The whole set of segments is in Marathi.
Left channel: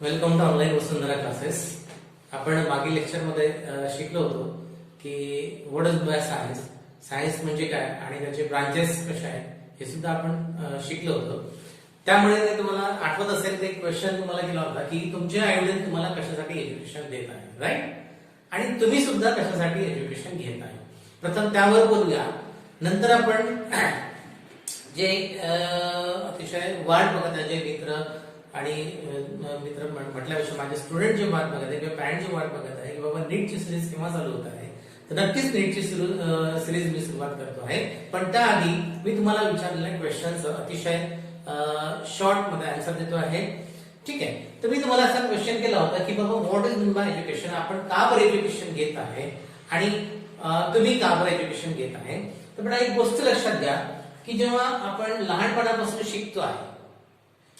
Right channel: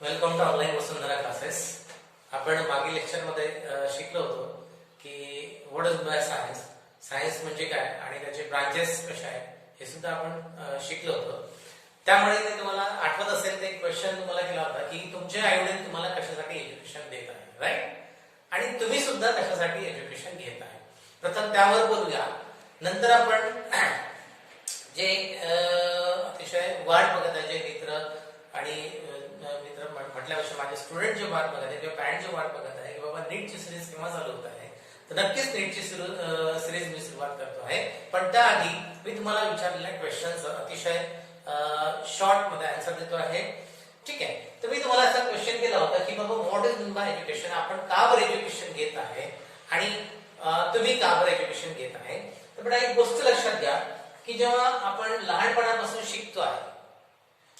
Welcome to online Vasundhara classes. आपण मागील लेक्चरमध्ये शिकलो होतो की what is by science, science म्हणजे काय आणि त्याचे ब्रांचेस कशा आहेत हे सुद्धा आपण शिकलो होतो. त्यामुळे मी तुम्हाला आठवत असेल ते क्वेश्चन तुम्हाला केला होता की तुमचे आईवडील तुम्हाला कशासाठी एज्युकेशन देत आहे, राईट, आणि तुम्ही सुद्धा कशासाठी एज्युकेशन घेत आहे. प्रथम त्यावर बोलूया, नंतर आपण जे अतिशय वाट बघत आहे जे मित्र आणि मित्र म्हटल्यापेक्षा माझे स्टुडंट जे वाट बघत आहे किंवा पॅरेंट जे वाट बघत आहे की बाबा नीटची सिरीज केव्हा चालू होत आहे, तर नक्कीच नीटची सिरीज मी सुरुवात करतो आहे. पण त्याआधी मी तुम्हाला विचारलेल्या क्वेश्चनचं अतिशय शॉर्ट मध्ये आन्सर देतो आहे. ठीक आहे, तर मी तुम्हाला असा क्वेश्चन केला होता की बाबा what is mean by education, आपण का बरं एज्युकेशन घेत आहे आणि तुम्ही का बरं एज्युकेशन घेत आहे. तर बेटा एक गोष्ट लक्षात घ्या की जेव्हा आपण लहानपणापासून शिकतो आहे,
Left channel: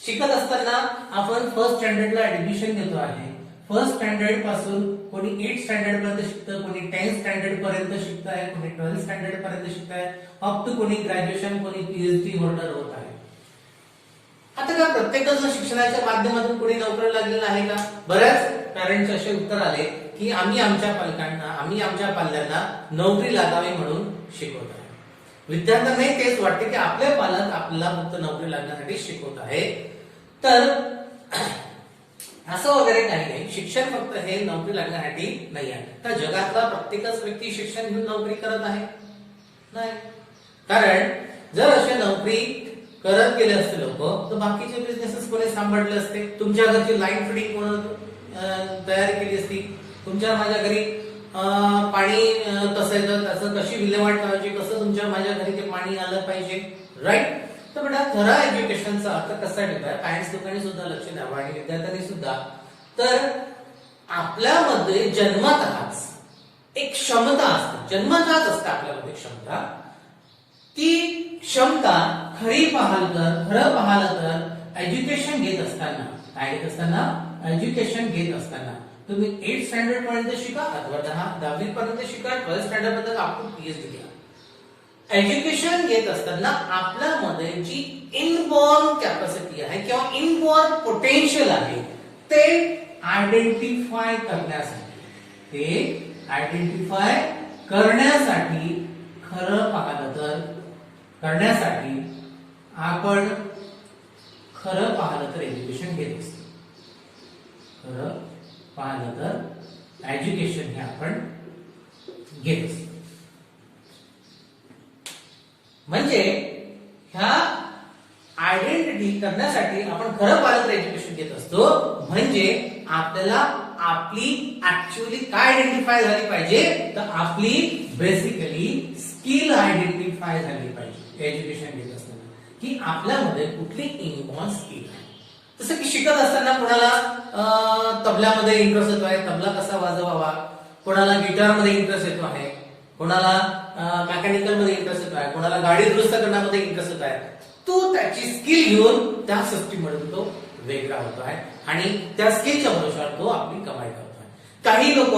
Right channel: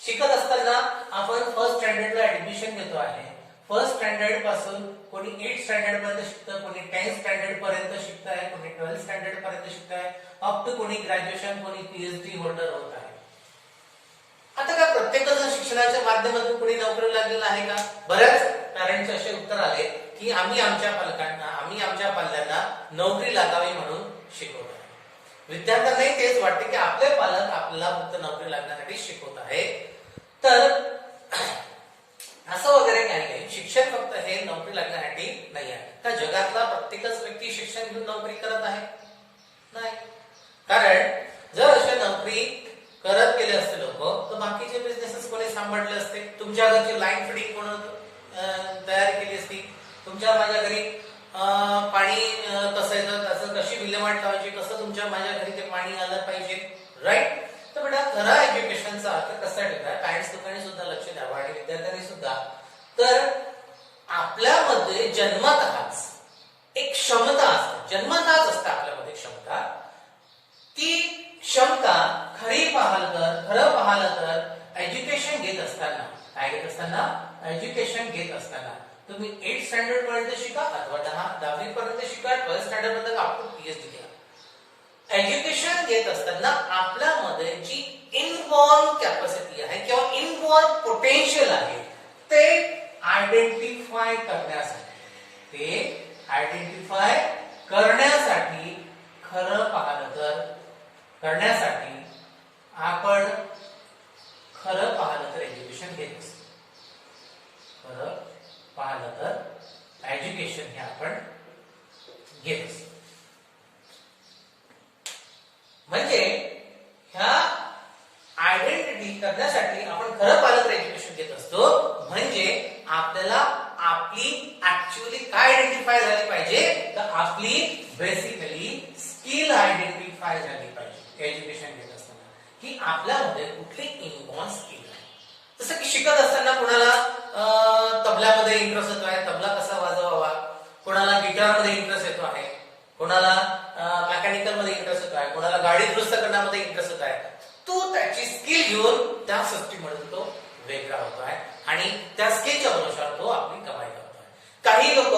शिकत असताना आपण फर्स्ट स्टँडर्डला ऍडमिशन घेतो आहे. फर्स्ट स्टँडर्ड पासून कोणी 8th स्टँडर्ड पर्यंत शिकतं, कोणी 10th स्टँडर्ड पर्यंत शिकत आहे, कोणी 12th स्टँडर्ड पर्यंत शिकत आहे, अप टू कोणी ग्रॅज्युएशन, कोणी पीएचडी होल्डर होत आहे. आता का प्रत्येकाचं शिक्षणाच्या माध्यमातून कोणी नोकरी लागलेला आहे का? बऱ्याच पॅरेंट्स असे उत्तर आले की आम्ही आमच्या पाल्यांना नोकरी लागावी म्हणून शिकवत आहे. विद्यार्थ्यांनाही तेच वाटते की आपले पालक आपल्याला फक्त नोकरी लागण्यासाठी शिकवत आहे. तर असं वगैरे काही नाही, शिक्षण फक्त हे नोकरी लागण्यासाठी नाही आहे. तर जगातला प्रत्येकच व्यक्ती शिक्षण घेऊन नोकरी करत आहे नाही, कारण जर अशी नोकरी करत गेले असते लोक तर बाकीचे बिझनेसेस कोणी सांभाळले असते. तुमच्या घरची लाईन फिटिंग कोण तयारी केली असती, तुमच्या माझ्या घरी पाणी कसं येतं त्याचं कशी विल्हेवाट लावायची, कसं तुमच्या माझ्या घरी ते पाणी आलं पाहिजे, राईट. तर बेटा खरा एज्युकेशनचा अर्थ कसा आहे बेटा, पॅरेंट्स लोकांनी सुद्धा लक्ष द्यावं आणि विद्यार्थ्यांनी सुद्धा. तर आपल्यामध्ये जन्मतःच एक क्षमता असते, जन्मतःच असते आपल्यामध्ये क्षमता. ती क्षमता खरं पाहिलं तर एज्युकेशन घेत असताना, काय घेत असताना, एज्युकेशन घेत असताना तुम्ही 8th स्टँडर्ड पर्यंत शिका अथवा 10वी पर्यंत शिका, 12th स्टँडर्ड पर्यंत अप टू पीएचडी घ्या. एज्युकेशन घेत असताना आपल्यामध्ये जी इनबॉर्न कॅपॅसिटी आहे किंवा इनबॉर्न पोटेन्शियल आहे ते आयडेंटिफाय करण्यासाठी खरं पाहिलं तर आपण खरं पाहिलं तर एज्युकेशन घेत असतो. खरं पाहिलं तर एज्युकेशन हे आपण घेत असतो. म्हणजे ह्या आयडेंटिटी करण्यासाठी आपण खरं पाहिलं तर एज्युकेशन घेत असतो. म्हणजे आपल्याला आपली ऍक्च्युअली काय आयडेंटिफाय झाली पाहिजे, तर आपली बेसिकली स्किल आयडेंटिफाय झाली पाहिजे एज्युकेशन घेत असताना, की आपल्यामध्ये कुठली इनबॉर्न स्किल आहे. जसं की शिकत असताना कोणाला तबल्यामध्ये इंटरेस्ट येतो आहे, तबला कसा वाजवावा, कोणाला गिटारमध्ये इंटरेस्ट येतो आहे, कोणाला मेकॅनिकल मध्ये इंटरेस्ट येतो आहे, कोणाला गाडी दुरुस्त करण्यामध्ये इंटरेस्ट येतो आहे. तो त्याची स्किल घेऊन त्या सिस्टीम मध्ये तो वेगळा होतो आहे आणि त्या स्किलच्या भरोशावर तो आपली कमाई करतो आहे. काही लोक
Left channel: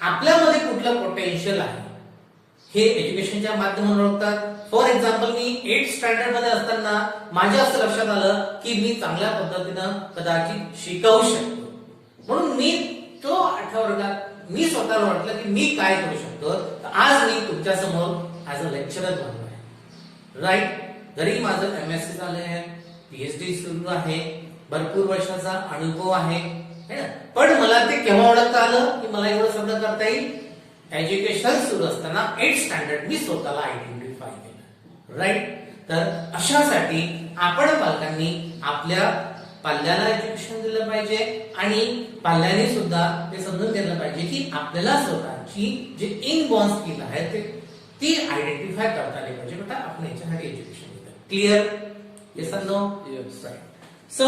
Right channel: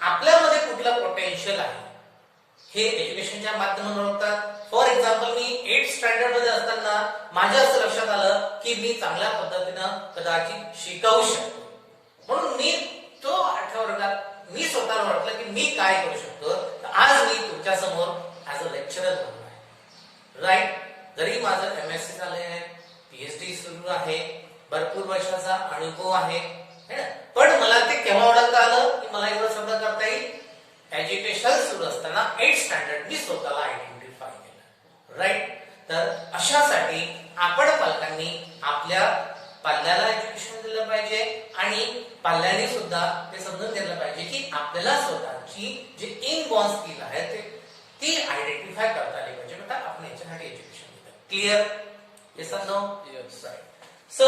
आपल्यामध्ये कुठलं पोटेन्शियल आहे हे एज्युकेशनच्या माध्यमातून ओळखतात. For example me 8th standard मध्ये असताना माझ्या असं लक्षात आलं की मी चांगल्या पद्धतीनं कदाचित शिकवू शकतो, म्हणून मी तो 8व्या वर्गात मी स्वतःला वाटलं की मी काय करू शकतो. आज मी तुमच्या समोर ऍज अ लेक्चरर बनलो आहे, राईट. जरी माझं MSc झालंय, पीएचडी सुरू आहे, भरपूर वर्षाचा अनुभव आहे ना, पण मला ते केव्हा ओळखता आलं की मला एवढं सगळं करता येईल. एज्युकेशन सुरू असताना 8th स्टँडर्ड मी स्वतःला आयडेंटिफाय केलं, राईट. तर अशासाठी आपण पालकांनी आपल्या पाल्याला एज्युकेशन दिलं पाहिजे आणि पाल्याने सुद्धा ते समजून घेतलं पाहिजे की आपल्याला स्वतःची जी इनबॉर्न स्किल आहे ती आयडेंटिफाय करता आली पाहिजे. बेटा आपण याच्यासाठी एज्युकेशन घेतो. क्लिअर? येस और नो? Yes, right. सो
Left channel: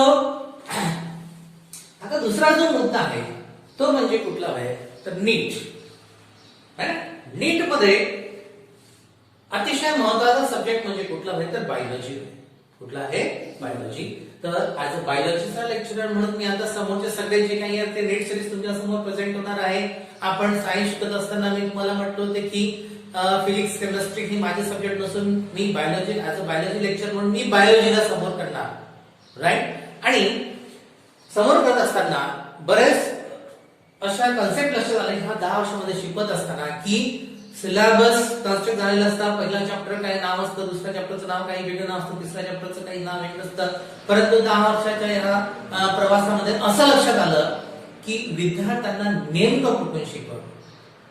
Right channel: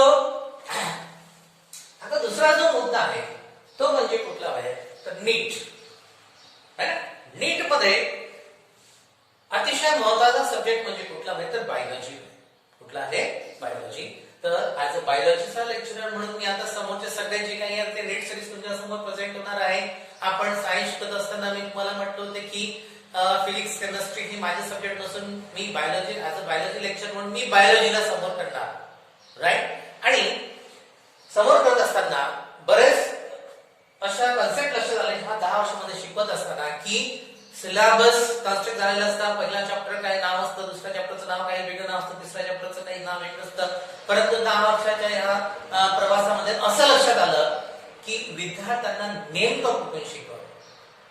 आता दुसरा जो मुद्दा आहे तो म्हणजे कुठला आहे, तर नीट. नीट मध्ये अतिशय महत्वाचा सब्जेक्ट म्हणजे कुठला आहे, तर बायोलॉजी. कुठला आहे? बायोलॉजी. तर ऍज अ बायोलॉजीचा लेक्चरर म्हणून मी आता समोरचे सगळे जे काही आहे ते नीट सिरीज तुमच्या समोर प्रेझेंट होणार आहे. आपण सायन्स शिकत असताना मी तुम्हाला म्हटलं होते की फिजिक्स केमिस्ट्री ही माझे सब्जेक्ट नसून मी biology as a biology lecture म्हणून मी बायोलॉजीला समोर करणार, राईट. आणि समोर करत असताना बरेच अशा कन्सेप्ट लक्षात आले ह्या 10 वर्षामध्ये शिकवत असताना की सिलेबस कन्स्ट्रक्ट झालेला असतं. पहिल्या चॅप्टर काही नाव असतं, दुसऱ्या चॅप्टरचं नाव काही वेगळं नाव असतं, तिसऱ्या चॅप्टरचं काही नाव वेगळं असतं. परंतु 10 वर्षाच्या या प्रवासामध्ये असं लक्षात आलं की विद्यार्थ्यांना नेमकं कुठून शिकवलं.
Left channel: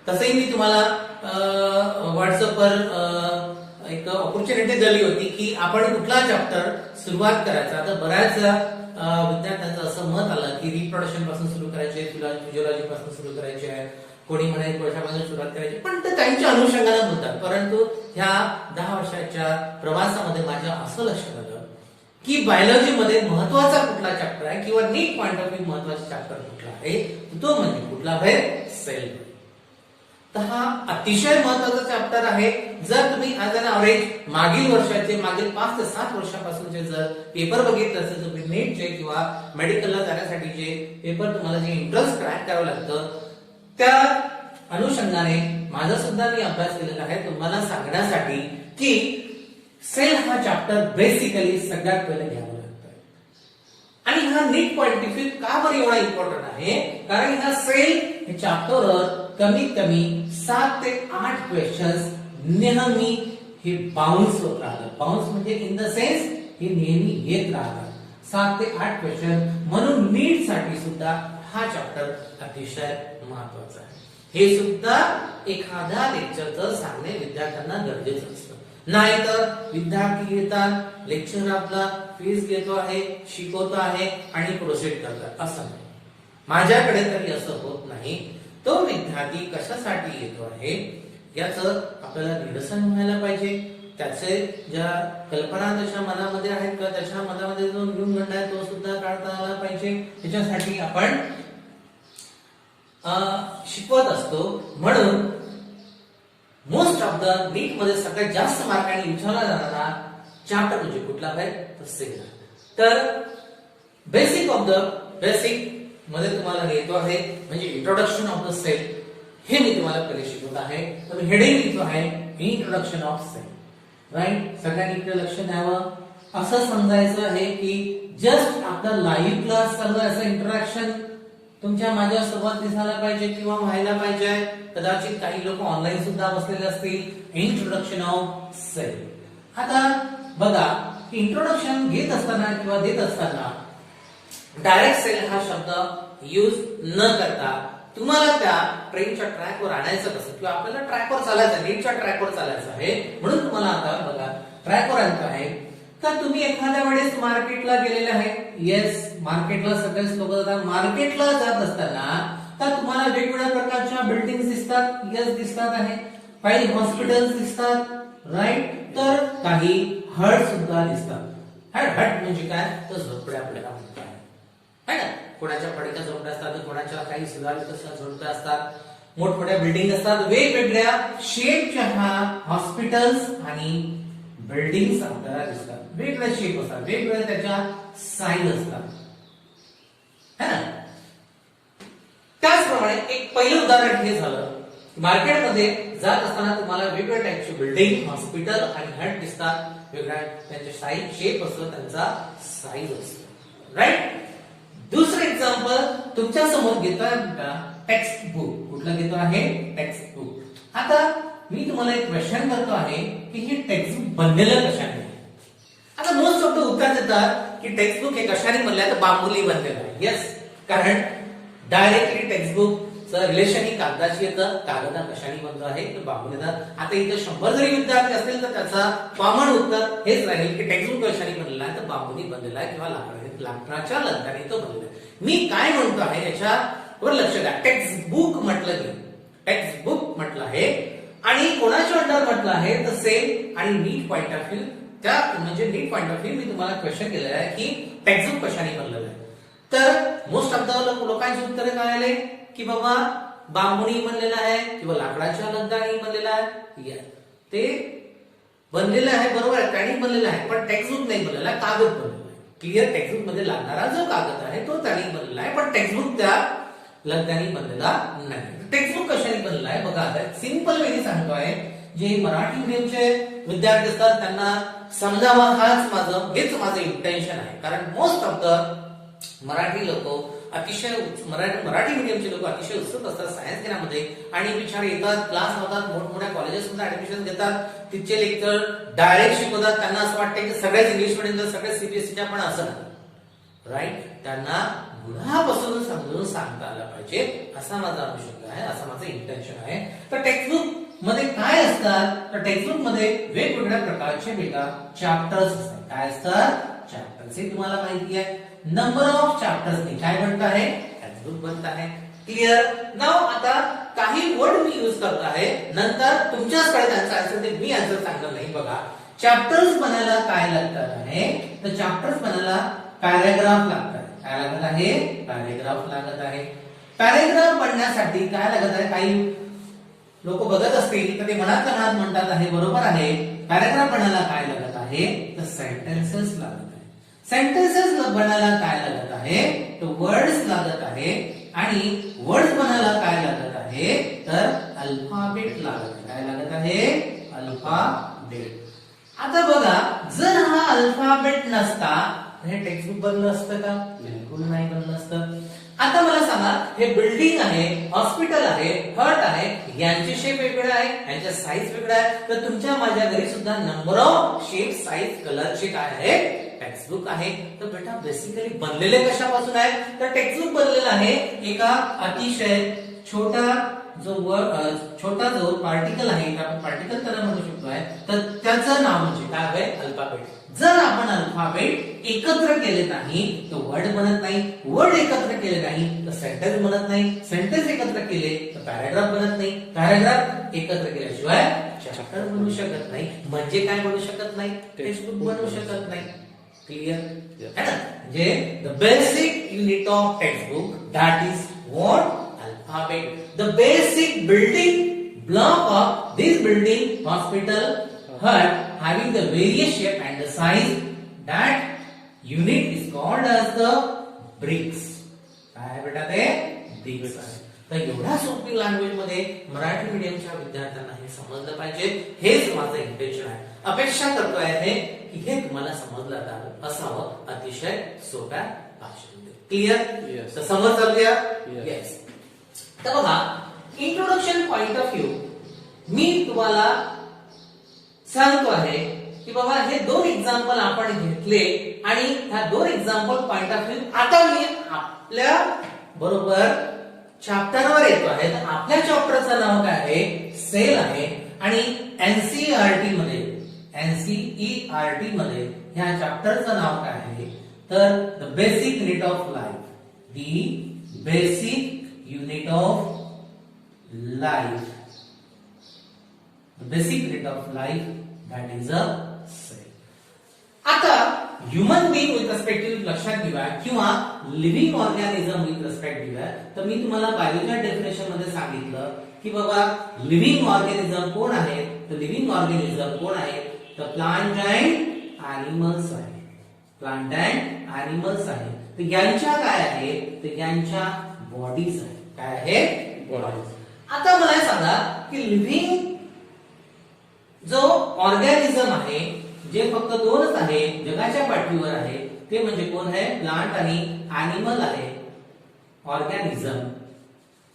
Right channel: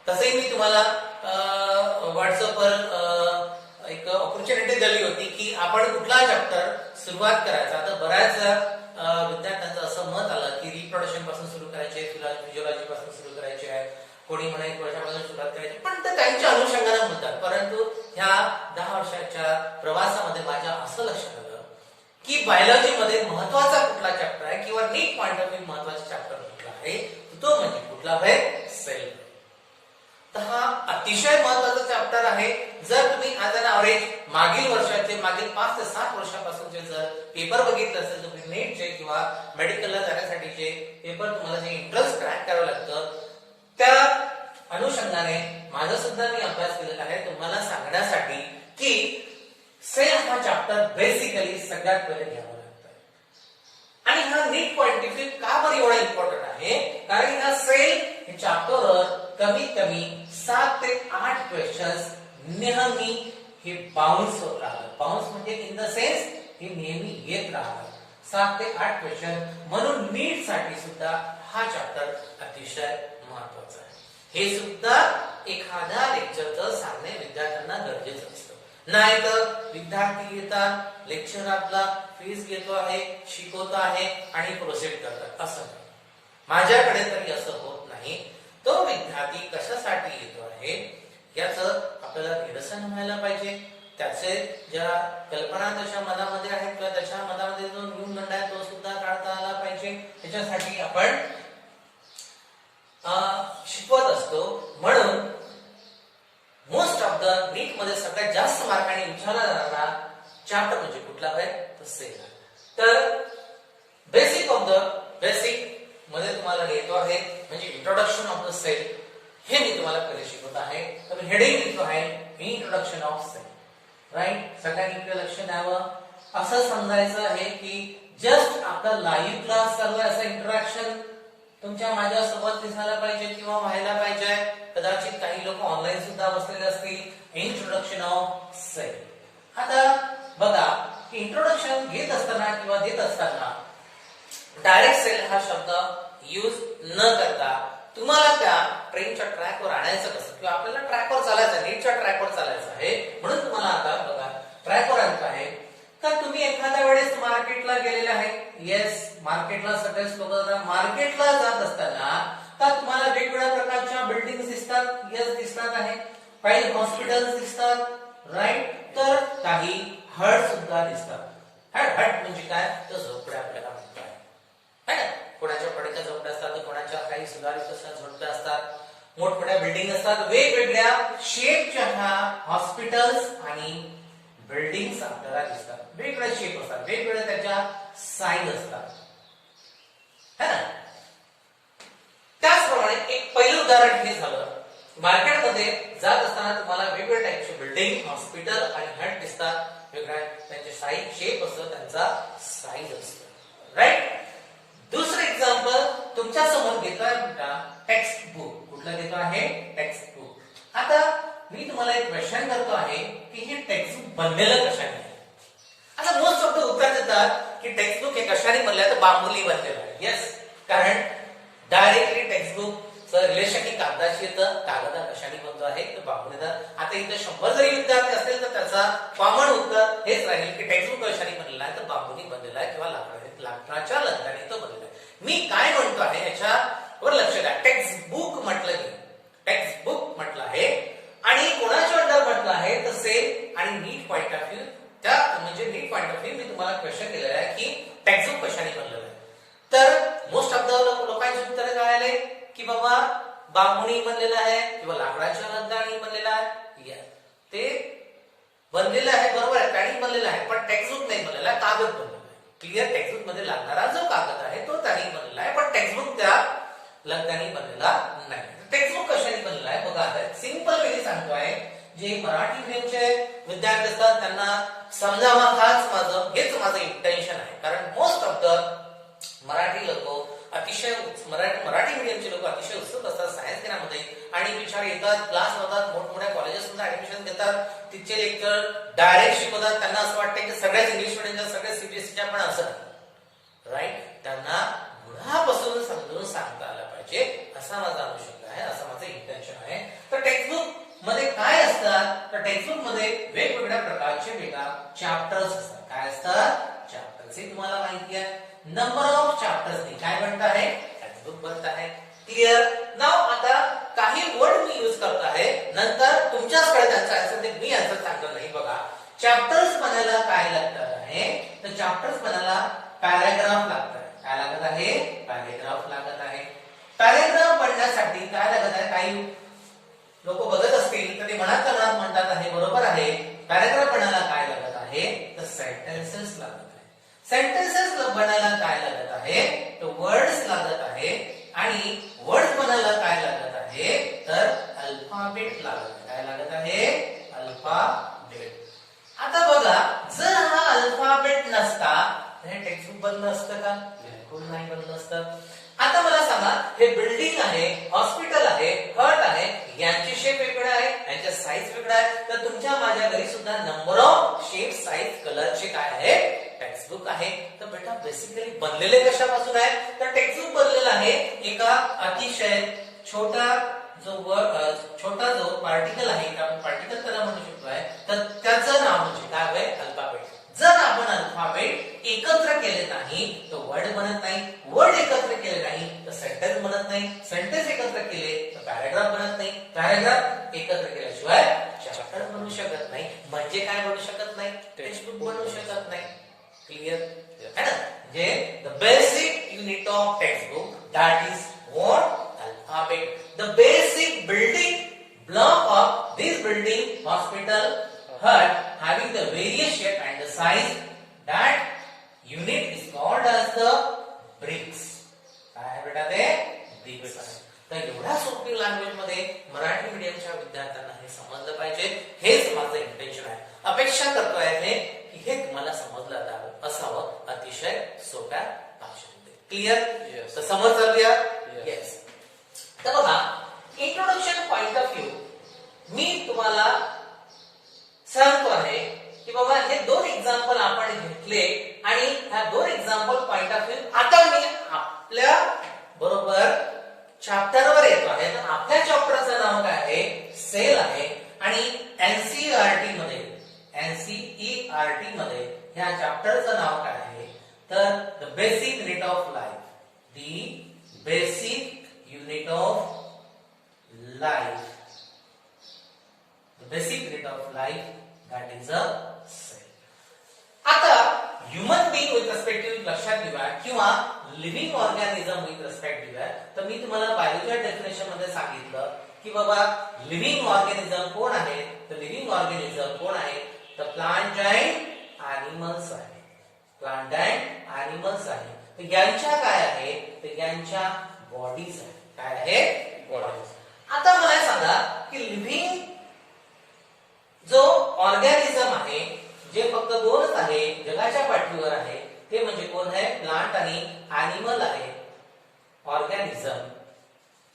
तसंही मी तुम्हाला व्हॉट्सअपवर एक ऑपॉर्च्युनिटी दिली होती की आपण कुठला चॅप्टर सुरुवात करायचा. तर बऱ्याच विद्यार्थ्यांचं असं मत आलं की रिप्रोडक्शन पासून सुरू करायचे, फिजिओलॉजी पासून सुरू करायचे आहे, कोणी म्हणे वर्षापासून सुरुवात करायची, पण ते त्यांच्या अनुषंगाने बोलतात. परंतु ह्या 10 वर्षाच्या प्रवासामध्ये माझ्या असं लक्षात आलं की बायोलॉजी मध्ये महत्वाचा कुठला चॅप्टर आहे किंवा नीट पॉइंट ऑफ व्ह्यू महत्वाचा चॅप्टर कुठला आहे, तो म्हणजे कुठला आहे, सेल. तर हा अतिशय महत्वाचा चॅप्टर आहे. जर तुम्ही ॲज अन ॲव्हरेज मागील वर्षाचे, मागील 5 ते 7 वर्षापासूनचे जर पेपर बघितले असेल, तर नीटचे किंवा मेडिकलला जाण्यासाठी जे पेपर तुम्हाला जे एंट्रन्स क्रॅक करावं लागतं, त्या अनुषंगाने माझा सुद्धा मी अभ्यास केलेला आहे तुम्हाला सांगण्यासाठी की सेल हा चॅप्टर बेसिकली सगळ्यात पहिले घ्यावा लागतो. आणि हा नीट पॉइंट ऑफ व्ह्यू का बरं एवढा इम्पॉर्टंट आहे, कारण ह्या सेल हे चॅप्टरवर कमीत कमी 7 ते 8 क्वेश्चन्स नेहमी हे बाउन्स होत राहतात. बाउन्स म्हणजे इन द सेन्स हे नेहमी येत राहतात. 7 ते 8 क्वेश्चन. म्हणून नीट साठी सुद्धा हा चॅप्टर अतिशय महत्वाचा आहे. हे सुद्धा एखाद्या लेक्चरचं सांगणे विद्यार्थ्यांना गरजेचं असतं. नाहीतर विद्यार्थी येतात, लेक्चर आपला फीस घेतो आहे, शिकवतो आहे आणि प्रोसीड करतात, असं नाही. माझ्याकडे तरी असं होत नाही. तो विद्यार्थी कशासाठी येतो आहे याचं आपल्याला निरसन व्हायला पाहिजे. त्याचे ज्या कल्पना त्याच्या मनामध्ये आहेत किंवा त्याच्या मनामध्ये जो न्यूनगंड आहे तो सुद्धा काढता आला पाहिजे. त्याच्यासाठी आपण शिकवत असतो. म्हणून मोस्ट ऑफ द नीट मध्ये सगळ्यात जास्त मार्काने विचारला जाणारा चॅप्टर म्हणजे कुठला आहे, तर सेल. तर बेसिक ऑफ द बेसिक मध्ये तुम्हाला लिहितो आहे म्हणजे इंट्रोडक्शन ऑफ द सेल, हे मी तुम्हाला पहिले शिकवत आहे. तर मी हेडिंग लिहितो आहे इंट्रोडक्शन ऑफ सेल. राईट. सगळ्यांनी इकडे लक्ष द्यावं. असं समजायचं आहे की जस्ट आपला लाईव्ह क्लास चालू आहे असं इंटरॅक्शन तुमच्या माझ्या सोबत दिसायला पाहिजे किंवा व्हायला पाहिजे. कदाचित काही लोक ऑनलाईन सुद्धा बसलेले असतील. Introduction of cell. आता बघा, इंट्रोडक्शन घेत असताना किंवा देत असताना डायरेक्ट सेल हा शब्द यूज न करता तुम्हाला त्या ट्रेनच्या ट्रॅकवर आणायचं कसं, किंवा आपल्याला ट्रॅकवर चालायचं, नीटच्या ट्रॅकवर चालायचं आहे. म्हणून तुम्हाला आता बघा ट्रॅकवर आणतो आहे. तर तुम्ही एखाद्या वेळेस मार्केटला गेलेले आहे. येस, मार्केटला सगळेच लोक जातात. मार्केटला जात असताना तर तुम्हाला वेगवेगळ्या प्रकारच्या बिल्डिंग दिसतात. येस, दिसतात आहे. काही हॉस्पिटल्स दिसतात. राईट. तर काही हट सुद्धा दिसतात. हट म्हणजे काय, तर झोपड्या आपल्याला म्हणतात है ना. कोणाच्या पडक्या झोपड्या असतात, कोणाच्या काही सुधारित झोपड्या असतात, मोठमोठ्या बिल्डिंग असतात. वेगवेगळ्या शेपच्या ह्या हॉस्पिटल्स आणि बिल्डिंग्स आपल्याला दिसतात. वेगवेगळ्या शेप असतात, वेगवेगळ्या त्याच्या साईज असतात है ना. त्याचप्रमाणे एक पहिलं उदाहरण हे झालं, मार्केटमध्ये जात असताना तुम्हाला वेगवेगळ्या टाईपचे बिल्डिंग, हॉस्पिटल आणि हट दिसतात. वेगवेगळ्या त्यांचे साईज, शेप असतो, त्यांचा साईज असतो. राईट. दुसरं एक्झाम्पल तुमच्या समोर घेतोय टेक्स्ट बुक. कुठलं घेतो आहे, टेक्स्ट बुक. आता मी तुम्हाला एक क्वेश्चन करतो आहे की हे टेक्स्ट बुक बनलेलं कशाने. आता मोस्ट ऑफ द उत्तर देतात की टेक्स्ट बुक हे कशाने बनलंय, तर बांबूनी बनलेलं आहे. येस, कारण डायरेक्टली टेक्स्ट बुक रिलेशन ही कागदाची येतं. कागदा कशाने बनतो आहे, तर बांबूने. आता इथे 100 जरी विद्यार्थी असतील तर त्याचा कॉमन उत्तर हेच राहील की टेक्स्ट बुक कशाने बनलेला आहे, तर बांबूनी बनलेला आहे किंवा लाकडाच्या लगद्याने तो बनलेला आहे. मी काय म्हणतो आहे याच्यावर लक्ष द्या. टेक्स्ट बुक म्हटलं की टेक्स्ट बुक म्हटलं आहे आणि कोणाच्या अंडर म्हटलं आहे, तर सेल आणि नीट पॉइंट ऑफ व्ह्यू. त्या म्हणजे नीट पॉइंट ऑफ व्ह्यू मी तुम्हाला क्वेश्चन केलेला आहे की टेक्स्ट बुक कशाने बनलेलं आहे. तर मोस्ट ऑफ द लोकांची उत्तरे काय आले की बाबा बांबूनी बनलेला आहे किंवा लाकडाच्या लगद्याने बनलेला आहे. ते बनलेलं आहे, बरोबर आहे, त्याने बनलेलं आहे, पण टेक्स्टबुक नाही बनलेला आहे, कागद बनलेला आहे. क्लिअर. टेक्स्टबुक मध्ये लागणारा जो कागद आहे तो त्याने बनलेला आहे, पण टेक्स्टबुक त्या लगद्याने बनलेला नाही. टेक्स्टबुक कशाने बनलेला आहे बघा. आता सिंपल वे सांगतो आहे, जे मराठी मीडियमचे विद्यार्थी असतात त्यांना समजावं हेच माझं इंटेन्शन आहे. कारण मोस्ट ऑफ द मराठी लोक अतिशय मराठी मीडियमचे लोक अतिशय उत्सुक असतात सायन्स घेण्यामध्ये आणि बिचारे येतात, क्लास होतात, मोठमोठ्या कॉलेजेसमध्ये ऍडमिशन घेतात, तिथचे लेक्चर डायरेक्ट शिकवतात. त्यांना असं वाटतं की सगळ्याच इंग्लिश मिडियमच्या सगळ्या सीबीएसईच्या पण असं राईट. त्यांना गुणापासून समजून सांगता आलं पाहिजे असा माझा अनुषंग आहे, असा माझं इंटेन्शन आहे. तर टेक्स्टबुक मध्ये काय असतात, तर टेक्स्टबुक मध्ये वेगवेगळ्या प्रकारचे वेगळा चॅप्टर्स असतात. काय असतात? चॅप्टर्स. हे तुम्हाला माहिती आहे. नंबर ऑफ चॅप्टर्स काय बनत आहे? टेक्स्टबुक बनत आहे. क्लिअर. नाव आता काही वर्ड मी यूज करत आहे, नंतर तुमच्याचकडे त्यांचा आन्सर ते मी आन्सर सांगणार नाही. बघा, चॅप्टर्स बनायला काय लागतात आहे, तर चॅप्टर्स बनायला पॅराग्राफ लागतात. काय लागत आहे? पॅराग्राफ लागत आहे. पॅराग्राफ बनण्यासाठी काय लागत आहे? काही लोक बघत असतील तर ते मनात म्हणतात आहे, बरोबर आहे. पॅराग्राफ बनायला काय लागत आहे? तर सेंटेन्सेस लागत आहे. सेंटेन्सेस बनायला काय लागत आहे? तर वर्ड्स लागत आहे. आणि वर्ड्स बनायला काय लागत आहे? तर अल्फाबेट लागत आहे. काय लागत आहे? अल्फाबेट. आता बघा, जर हा अल्फाबेट नसता हे टेक्स्टबुक बनलं असतं का? बिलकुल नाही बनलं असतं. आता मला सांगा, हे बिल्डिंग आहे, हॉस्पिटल आहे, हट आहे, यांचे शेप वेगळे आहे, यांचा साईज वेगळा आहे. तर तुमच्या माझ्या घरी सुद्धा नंबर ऑफ शेप, साईज, कलरचे काय आहे? टेक्स्टबुक आहे. तर बेटा बेसिकली बनलेले कशापासून आहे? तर टेक्स्टबुक बनलेलं आहे एका अतिशय छोटा जो पार्टिकल आहे, आपण पार्टिकल त्याला म्हणू शकतो आहे, तर त्याचं नाव म्हणजे काय आहे? अल्फाबेट. जर आपण अल्फाबेट एकत्र केले नाही तर वर्ड बनत नाही, वर्ड एकत्र केले नाही तर सेंटेन्स बनत नाही, सेंटेन्स एकत्र केले तर पॅराग्राफ बनत नाही, पॅराग्राफ एकत्र केल्याशिवाय चॅप्टर बनू शकत नाही. म्हणजे काय बनू शकत नाही? टेक्स्टबुक बनू शकत नाही. क्लिअर है ना? म्हणजे the basic unit of textbook that is what? Alphabet. The basic building block of this building, hospital, hut, having the various shape and the size, that unit is called as the bricks. काय बेटा ते? bricks आहे. तर एवढ्या सोपी लँग्वेज मध्ये मराठी मीडियमच्या विद्यार्थ्यांना हे समजलं पाहिजे, हेच माझं इंटेन्शन आहे. अपेक्षा करतोय हे की हे तुम्हाला समजलं असावं अतिशय सोप्या भाषेमध्ये. क्लिअर? तर समज चालूया? येस. तर बघा, इंट्रोडक्शन पॉइंट ऑफ व्ह्यू मी तुम्हाला सांगतो आहे की बाबा हे दोन एक्झाम्पल आपण घेतले आणि ह्या दोन एक्झाम्पल पॉइंट ऑफ व्ह्यू आता मी आपल्या बरोबर चॅप्टरवर येतो आहे. तर आपल्या चॅप्टरचं नाव काय आहे? सेल आहे. आणि एनसीईआरटी मध्ये ह्या चॅप्टरचं नाव काय आहे? तर the basic unit of life. The basic unit of life. The basic unit of life, that is a cell. आता human being with respect to लक्षात घ्या किंवा लिव्हिंग ऑर्गॅनिझम विथ रिस्पेक्ट घ्या. तर मी तुम्हाला बायोलॉजी डेफिनेशन मध्ये सांगितलं की बाबा लिव्हिंग ऑर्गॅनिझम कोण आहे? तर लिव्हिंग ऑर्गॅनिझम कोण आहे? तर प्लांट अँड ॲनिमल्स आहे. प्लांट अँड ॲनिमल्स आहे. तर यांच्या काय आहे? तर यांच्या बॉडीज आहे. काय आहे? बॉडीज. आता मला सांगा की लिव्हिंग जो ऑर्गॅनिझम आहे, जे फक्त दोनच आहे जगाच्या पाठीवर आहे, ते म्हणजे कोण आहे? प्लांट आणि ॲनिमल आहे. ऑर्गॅनिझम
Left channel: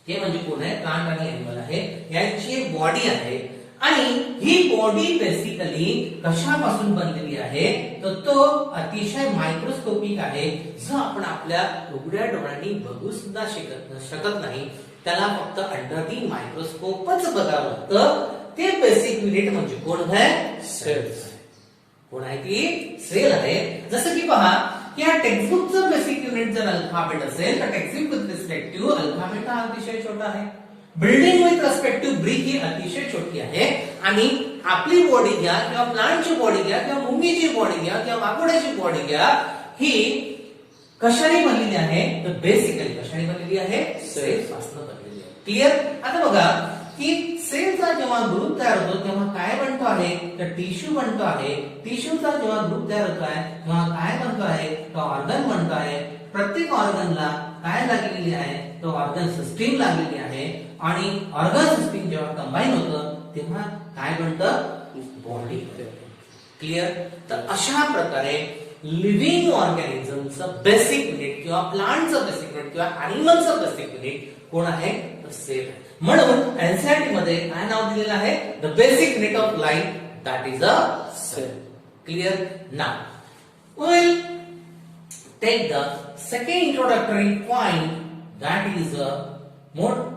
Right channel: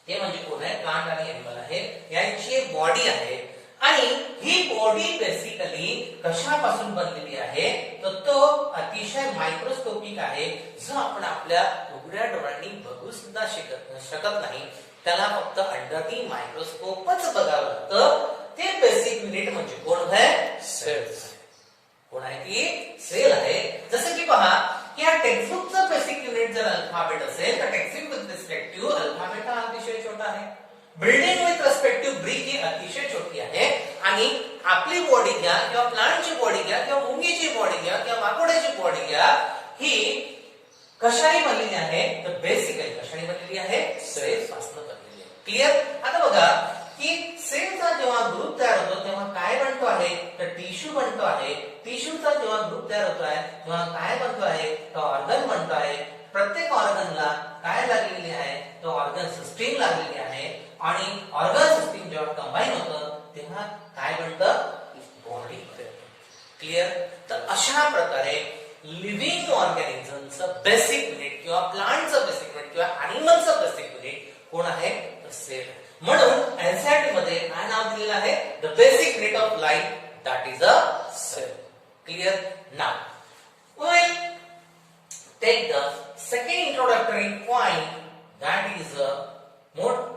ते म्हणजे कोण आहे? प्लांट आणि ॲनिमल आहे. यांची एक बॉडी आहे आणि ही बॉडी बेसिकली कशापासून बनलेली आहे? तर तो अतिशय मायक्रोस्कोपिक आहे, जो आपण आपल्या उघड्या डोळ्यांनी बघू सुद्धा शकत नाही. त्याला फक्त अंडर दी मायक्रोस्कोपच बघावं लागतं. ते बेसिक युनिट म्हणजे कोण आहे? सेल्स. कोण आहे? ती सेल आहे. जसं की पहा की या टेक्स्टबुकचं बेसिक युनिट जर अल्फाबेट असेल तर textbook with respect to alphabet हा अतिशय छोटा आहे. Building with respect to brick ही अतिशय छोटी आहे. आणि आपली बॉडी घ्या किंवा प्लांटची बॉडी घ्या किंवा मुंगीची बॉडी घ्या किंवा वाघोड्याची बॉडी घ्या, ही कशाने बनलेली आहे? तर बेसिकली कशाने बनलेली आहे? सेल्स पासून बनलेली आहे. क्लिअर? आता बघा की सेलचा जेव्हा ग्रुप तयार होतो तेव्हा काय बनतो आहे? तर टिश्यू बनतो आहे. टिश्यूचा जेव्हा ग्रुप तयार होतो आहे तेव्हा काय बनतो आहे? तर ऑर्गन बनतो आहे. प्रत्येक ऑर्गनला काय लागलेली आहे? तर ऑर्गन सिस्टीम लागलेली आहे. आणि ऑर्गन सिस्टीम जेव्हा कंबाईन होतं तेव्हा काय बनतं? बॉडी. क्लिअर? तर अशा प्रकारे लिव्हिंग ऑर्गॅनिझमचं बेसिक युनिट किंवा प्लांटचं बेसिक युनिट किंवा अॅनिमलचं बेसिक युनिट कोण आहे? तर सेल आहे. म्हणून एनसीईआरटी मध्ये काय नाव दिलेलं आहे? The basic unit of life that is a cell. Clear? Now we'll take the second introductory point that is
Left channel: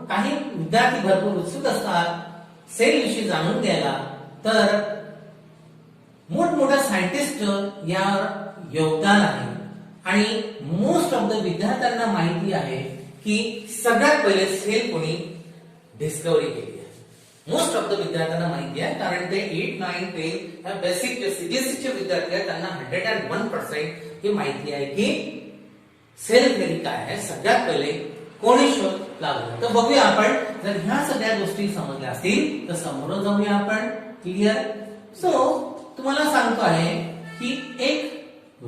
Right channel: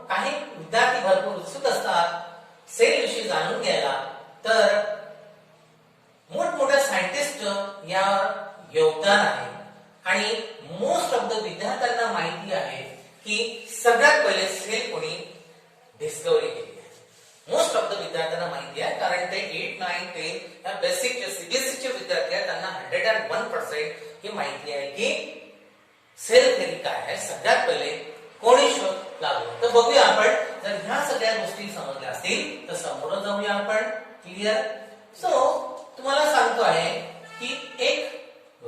काही विद्यार्थी भरपूर उत्सुक असतात सेल विषयी जाणून घ्यायला. तर मोठमोठ्या सायंटिस्ट यावर योगदान आहे आणि मोस्ट ऑफ द विद्यार्थ्यांना माहिती आहे की सगळ्यात पहिले सेल कोणी डिस्कवरी केली आहे. मोस्ट ऑफ द विद्यार्थ्यांना माहिती आहे कारण ते 8, 9, 10 या बेसिक जे सीबीएसईचे विद्यार्थी आहेत त्यांना 101% ही माहिती आहे की सेल थेअरी काय आहे, सगळ्यात पहिले कोणी शोध लावला. तर बघूया आपण, जर ह्या सगळ्या गोष्टी समजल्या असतील तर समोर जाऊया आपण. क्लिअर? सो तुम्हाला सांगतो आहे की एक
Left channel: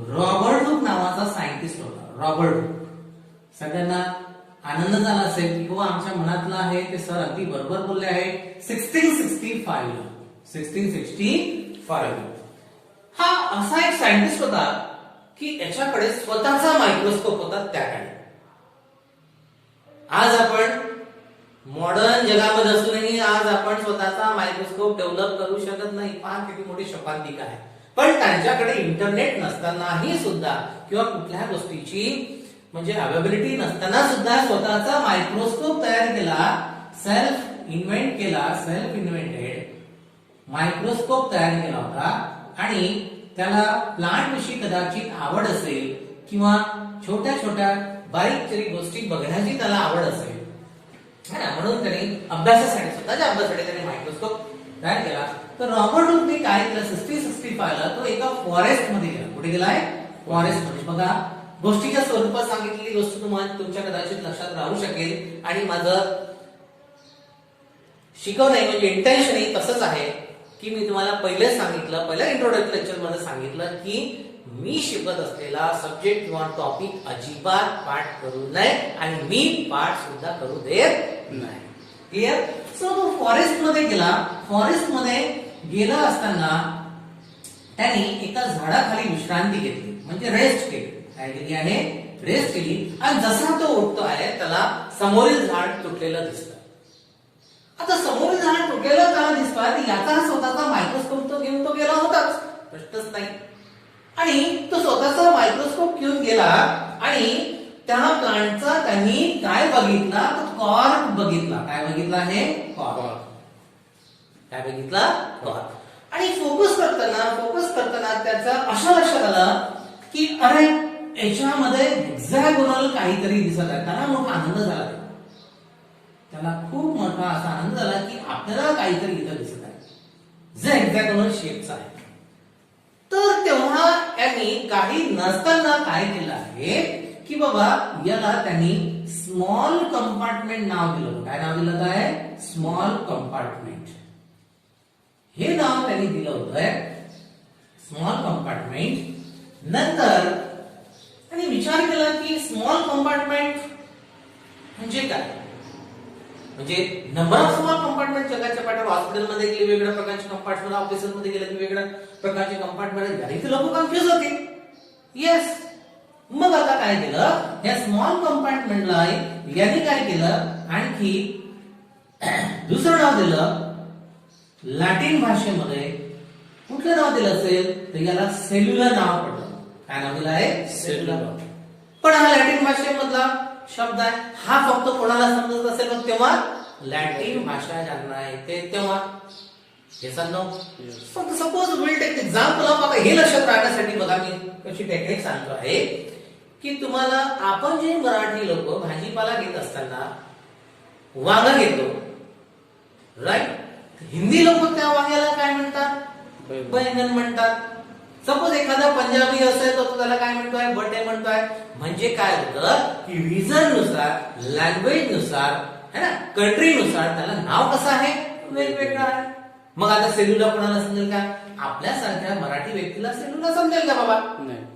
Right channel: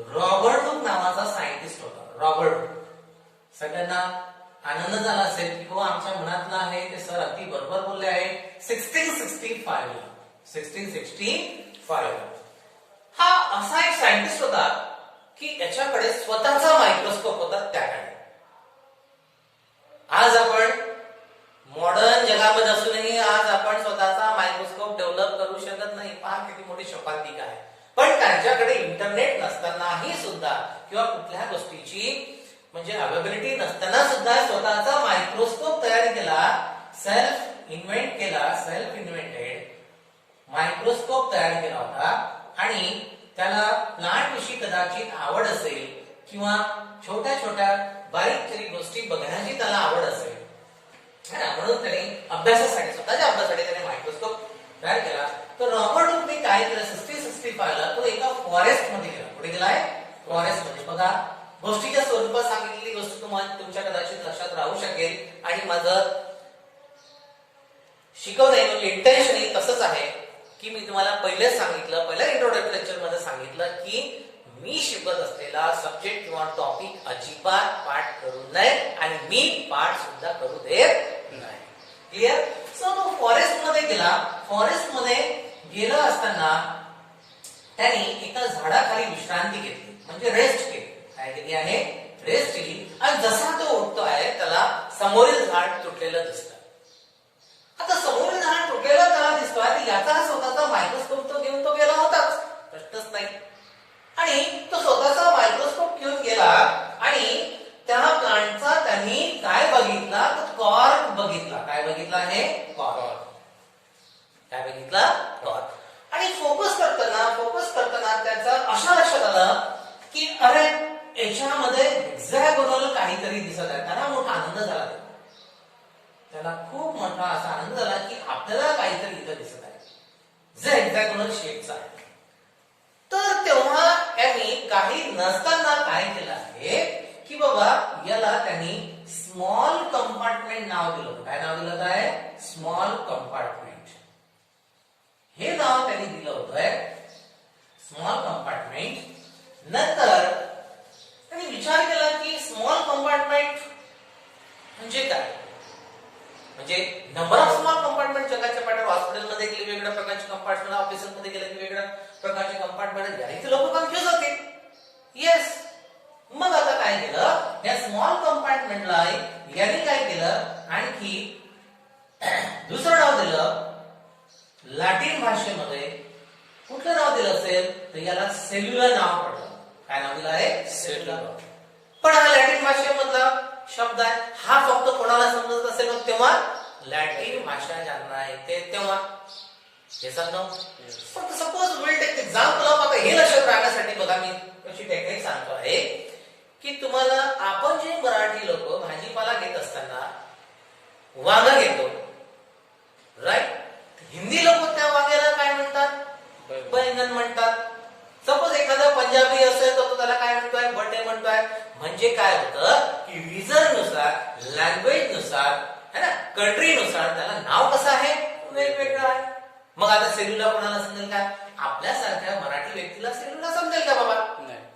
रॉबर्ट हुक नावाचा सायंटिस्ट होता. Robert Hooke. सगळ्यांना आनंद झाला असेल की हो आमच्या मनातलं आहे ते सर अगदी बरोबर बोलले आहे. 1665 हा असा एक सायंटिस्ट होता की याच्याकडे स्वतःचा मायक्रोस्कोप होता त्या काळी. आज आपण मॉडर्न जगामध्ये असूनही आज आपण स्वतःचा मायक्रोस्कोप डेव्हलप करू शकत नाही. पहा किती मोठी शपांतिका आहे. पण त्यांच्याकडे इंटरनेट नसतानाही सुद्धा किंवा कुठल्या गोष्टीची म्हणजे अवेलेबिलिटी नसताना सुद्धा स्वतःचा मायक्रोस्कोप तयार केला. सेल्फ इन्व्हेंटेड मायक्रोस्कोप तयार केला होता आणि त्याला प्लांट विषयी कदाचित आवड असेल किंवा छोट्या छोट्या बारीक तरी गोष्टी बघण्याची त्याला आवड असेल म्हणून त्याने अभ्यासासाठी स्वतःच्या अभ्यासासाठी त्याने मायक्रोस्कोप तयार केला. तर रॉबर्ट हुकने काय केलं? 1665 ला तो एका फॉरेस्ट मध्ये गेला. कुठे गेलाय? फॉरेस्ट मध्ये. बघा गोष्टीच्या स्वरूपात सांगितलेली गोष्ट तुम्हाला तुमच्या कदाचित लक्षात राहू शकेल आणि माझं शिकवणे म्हणजे इंटेन्शन तसंच आहे की मी तुम्हाला पहिलेच सांगितलं, पहिल्या इंट्रोडक्टरी लेक्चर मध्ये सांगितलं की मी शिकत असलेला सब्जेक्ट किंवा टॉपिक अजिबात पाठ करू नये आणि मी पाठ सुद्धा करू देत नाही. क्लिअर? सो तो फॉरेस्ट मध्ये गेला. फॉरेस्ट मध्ये गेला असताना त्यांनी एका झाडाखाली विश्रांती घेतली म्हणजे रेस्ट केली. काय केली आहे? रेस्ट केली. आणि जसा तो उठतो आहे त्याला समोरील झाड तुटलेलं दिसतं. आता समोरील झाड तुटलेलं त्याला दिसतोय. याचा स्वतःचा मायक्रोस्कोप तो घेऊन तो गेला होताच, प्रश्नच नाही. आणि तो स्वतःचा मायक्रोस्कोप घेऊन गेला आणि त्या प्लांटचा त्यांनी काय बघितला? तर कॉर्क बघितला. काय बघितला आहे? कॉर्क. काय बघितला? कॉर्क. आणि फोकस करताना त्याचा अशा लक्षात आलं की अरे याच्यामध्ये हेक्सागोनल काहीतरी दिसत आहे. त्याला मोठा आनंद झाला. त्याला खूप मोठा असा आनंद झाला की आपल्याला काहीतरी इथं दिसत आहे जे हेक्सागोनल शेपचा आहे. तर तेव्हा त्यांनी काही नसताना काय केलं आहे की बाबा याला त्यांनी स्मॉल कंपार्टमेंट नाव दिलं. काय नाव दिलं? काय? Small compartment. हे नाव त्यांनी दिलं होतं स्मॉल कंपार्टमेंट. नंतर त्यांनी विचार केला की स्मॉल कंपार्टमेंट म्हणजे काय? म्हणजे नंबर ऑफ स्मॉल कंपार्टमेंट जगाच्या पाठीवर हॉस्पिटलमध्ये गेले वेगवेगळ्या प्रकारचे कंपार्टमेंट, ऑफिसमध्ये गेले वेगवेगळ्या प्रकारचे कंपार्टमेंट. इथे लोक कन्फ्युज होते. येस. मग आता काय केलं? या स्मॉल कंपार्टमेंटला यांनी काय केलं? आणखी दुसरं नाव दिलं. लॅटिन भाषेमध्ये कुठलं नाव दिलं असेल तर याला सेल्युलर नाव पडलं. काय नाव दिलं आहे? सेल्युलर. पण हा लॅटिन भाषेमधला शब्द आहे. हा फक्त कोणाला समजत असेल मग तेव्हा लॅटिन भाषा ज्यांना येते तेव्हा. पण suppose will take example of. आता हे लक्षात राखण्यासाठी बघा मी कशी टेक्निक सांगतो आहे की तुम्हाला आपण जे मराठी लोक भाजीपाला घेत असताना वांगा घेतो, राईट? हिंदी लोक त्या वांग्याला काय म्हणतात? बैंगन म्हणतात. सपोज एखादा पंजाबी असेल तर तो त्याला काय म्हणतोय? बटे म्हणतोय. म्हणजे काय होतं की रिजन नुसार, लँग्वेज नुसार, है ना, कंट्री नुसार त्याला नाव कसं आहे? वेगवेगळं आहे. मग आता सेल्युला कोणाला समजेल का? आपल्यासारख्या मराठी व्यक्तीला सेल्युला समजेल का बाबा?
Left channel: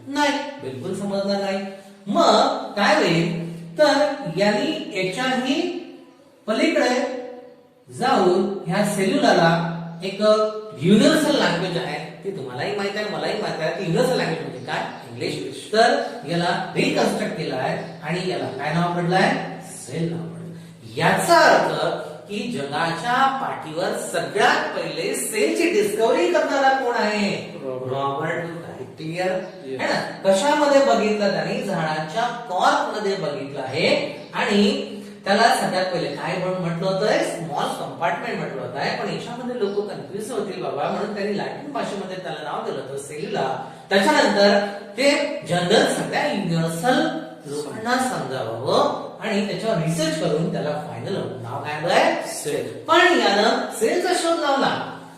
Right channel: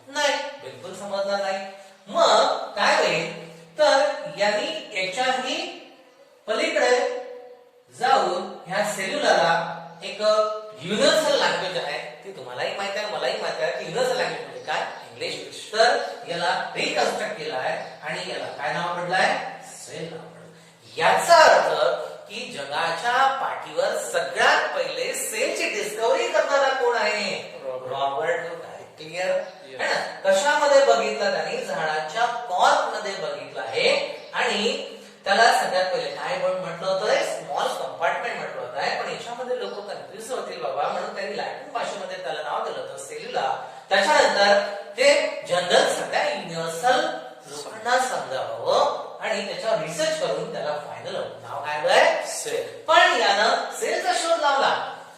नाही, बिलकुल समजणार नाही. मग काय होईल तर यांनी याच्याही पलीकडे जाऊन ह्या सेल्युलाला एक युनिव्हर्सल लँग्वेज आहे ती तुम्हालाही माहित आहे मलाही माहित आहे. युनिव्हर्सल लँग्वेज म्हणजे काय? इंग्लिश. तर याला रिकन्स्ट्रक्ट केलं आहे आणि याला काय नाव पडलंय? सेल नाव पडलं. याचा अर्थ की जगाच्या पाठीवर सगळ्यात पहिले सेलची डिस्कवरी करणारा कोण आहे? रॉबर्ट हुक आहे. क्लिअर आहे ना? कशामध्ये बघितलं त्यांनी? झाडाच्या कॉर्क मध्ये बघितलं आहे आणि त्याला सगळ्यात पहिले काय म्हटलं होतं? स्मॉल कंपार्टमेंट म्हटलं होतं. पण याच्यामध्ये लोक कन्फ्युज होतील बाबा, म्हणून त्यांनी लॅटिन भाषेमध्ये त्याला नाव दिलं होतं सेलुला. त्याच्यानंतर ते जनरल सगळ्या युनिव्हर्सल लोकांना समजावं आणि त्याच्यावर रिसर्च करून त्याला फायनल नाव काय आहे? सेल. पण यानं सेलचा शोध लावला.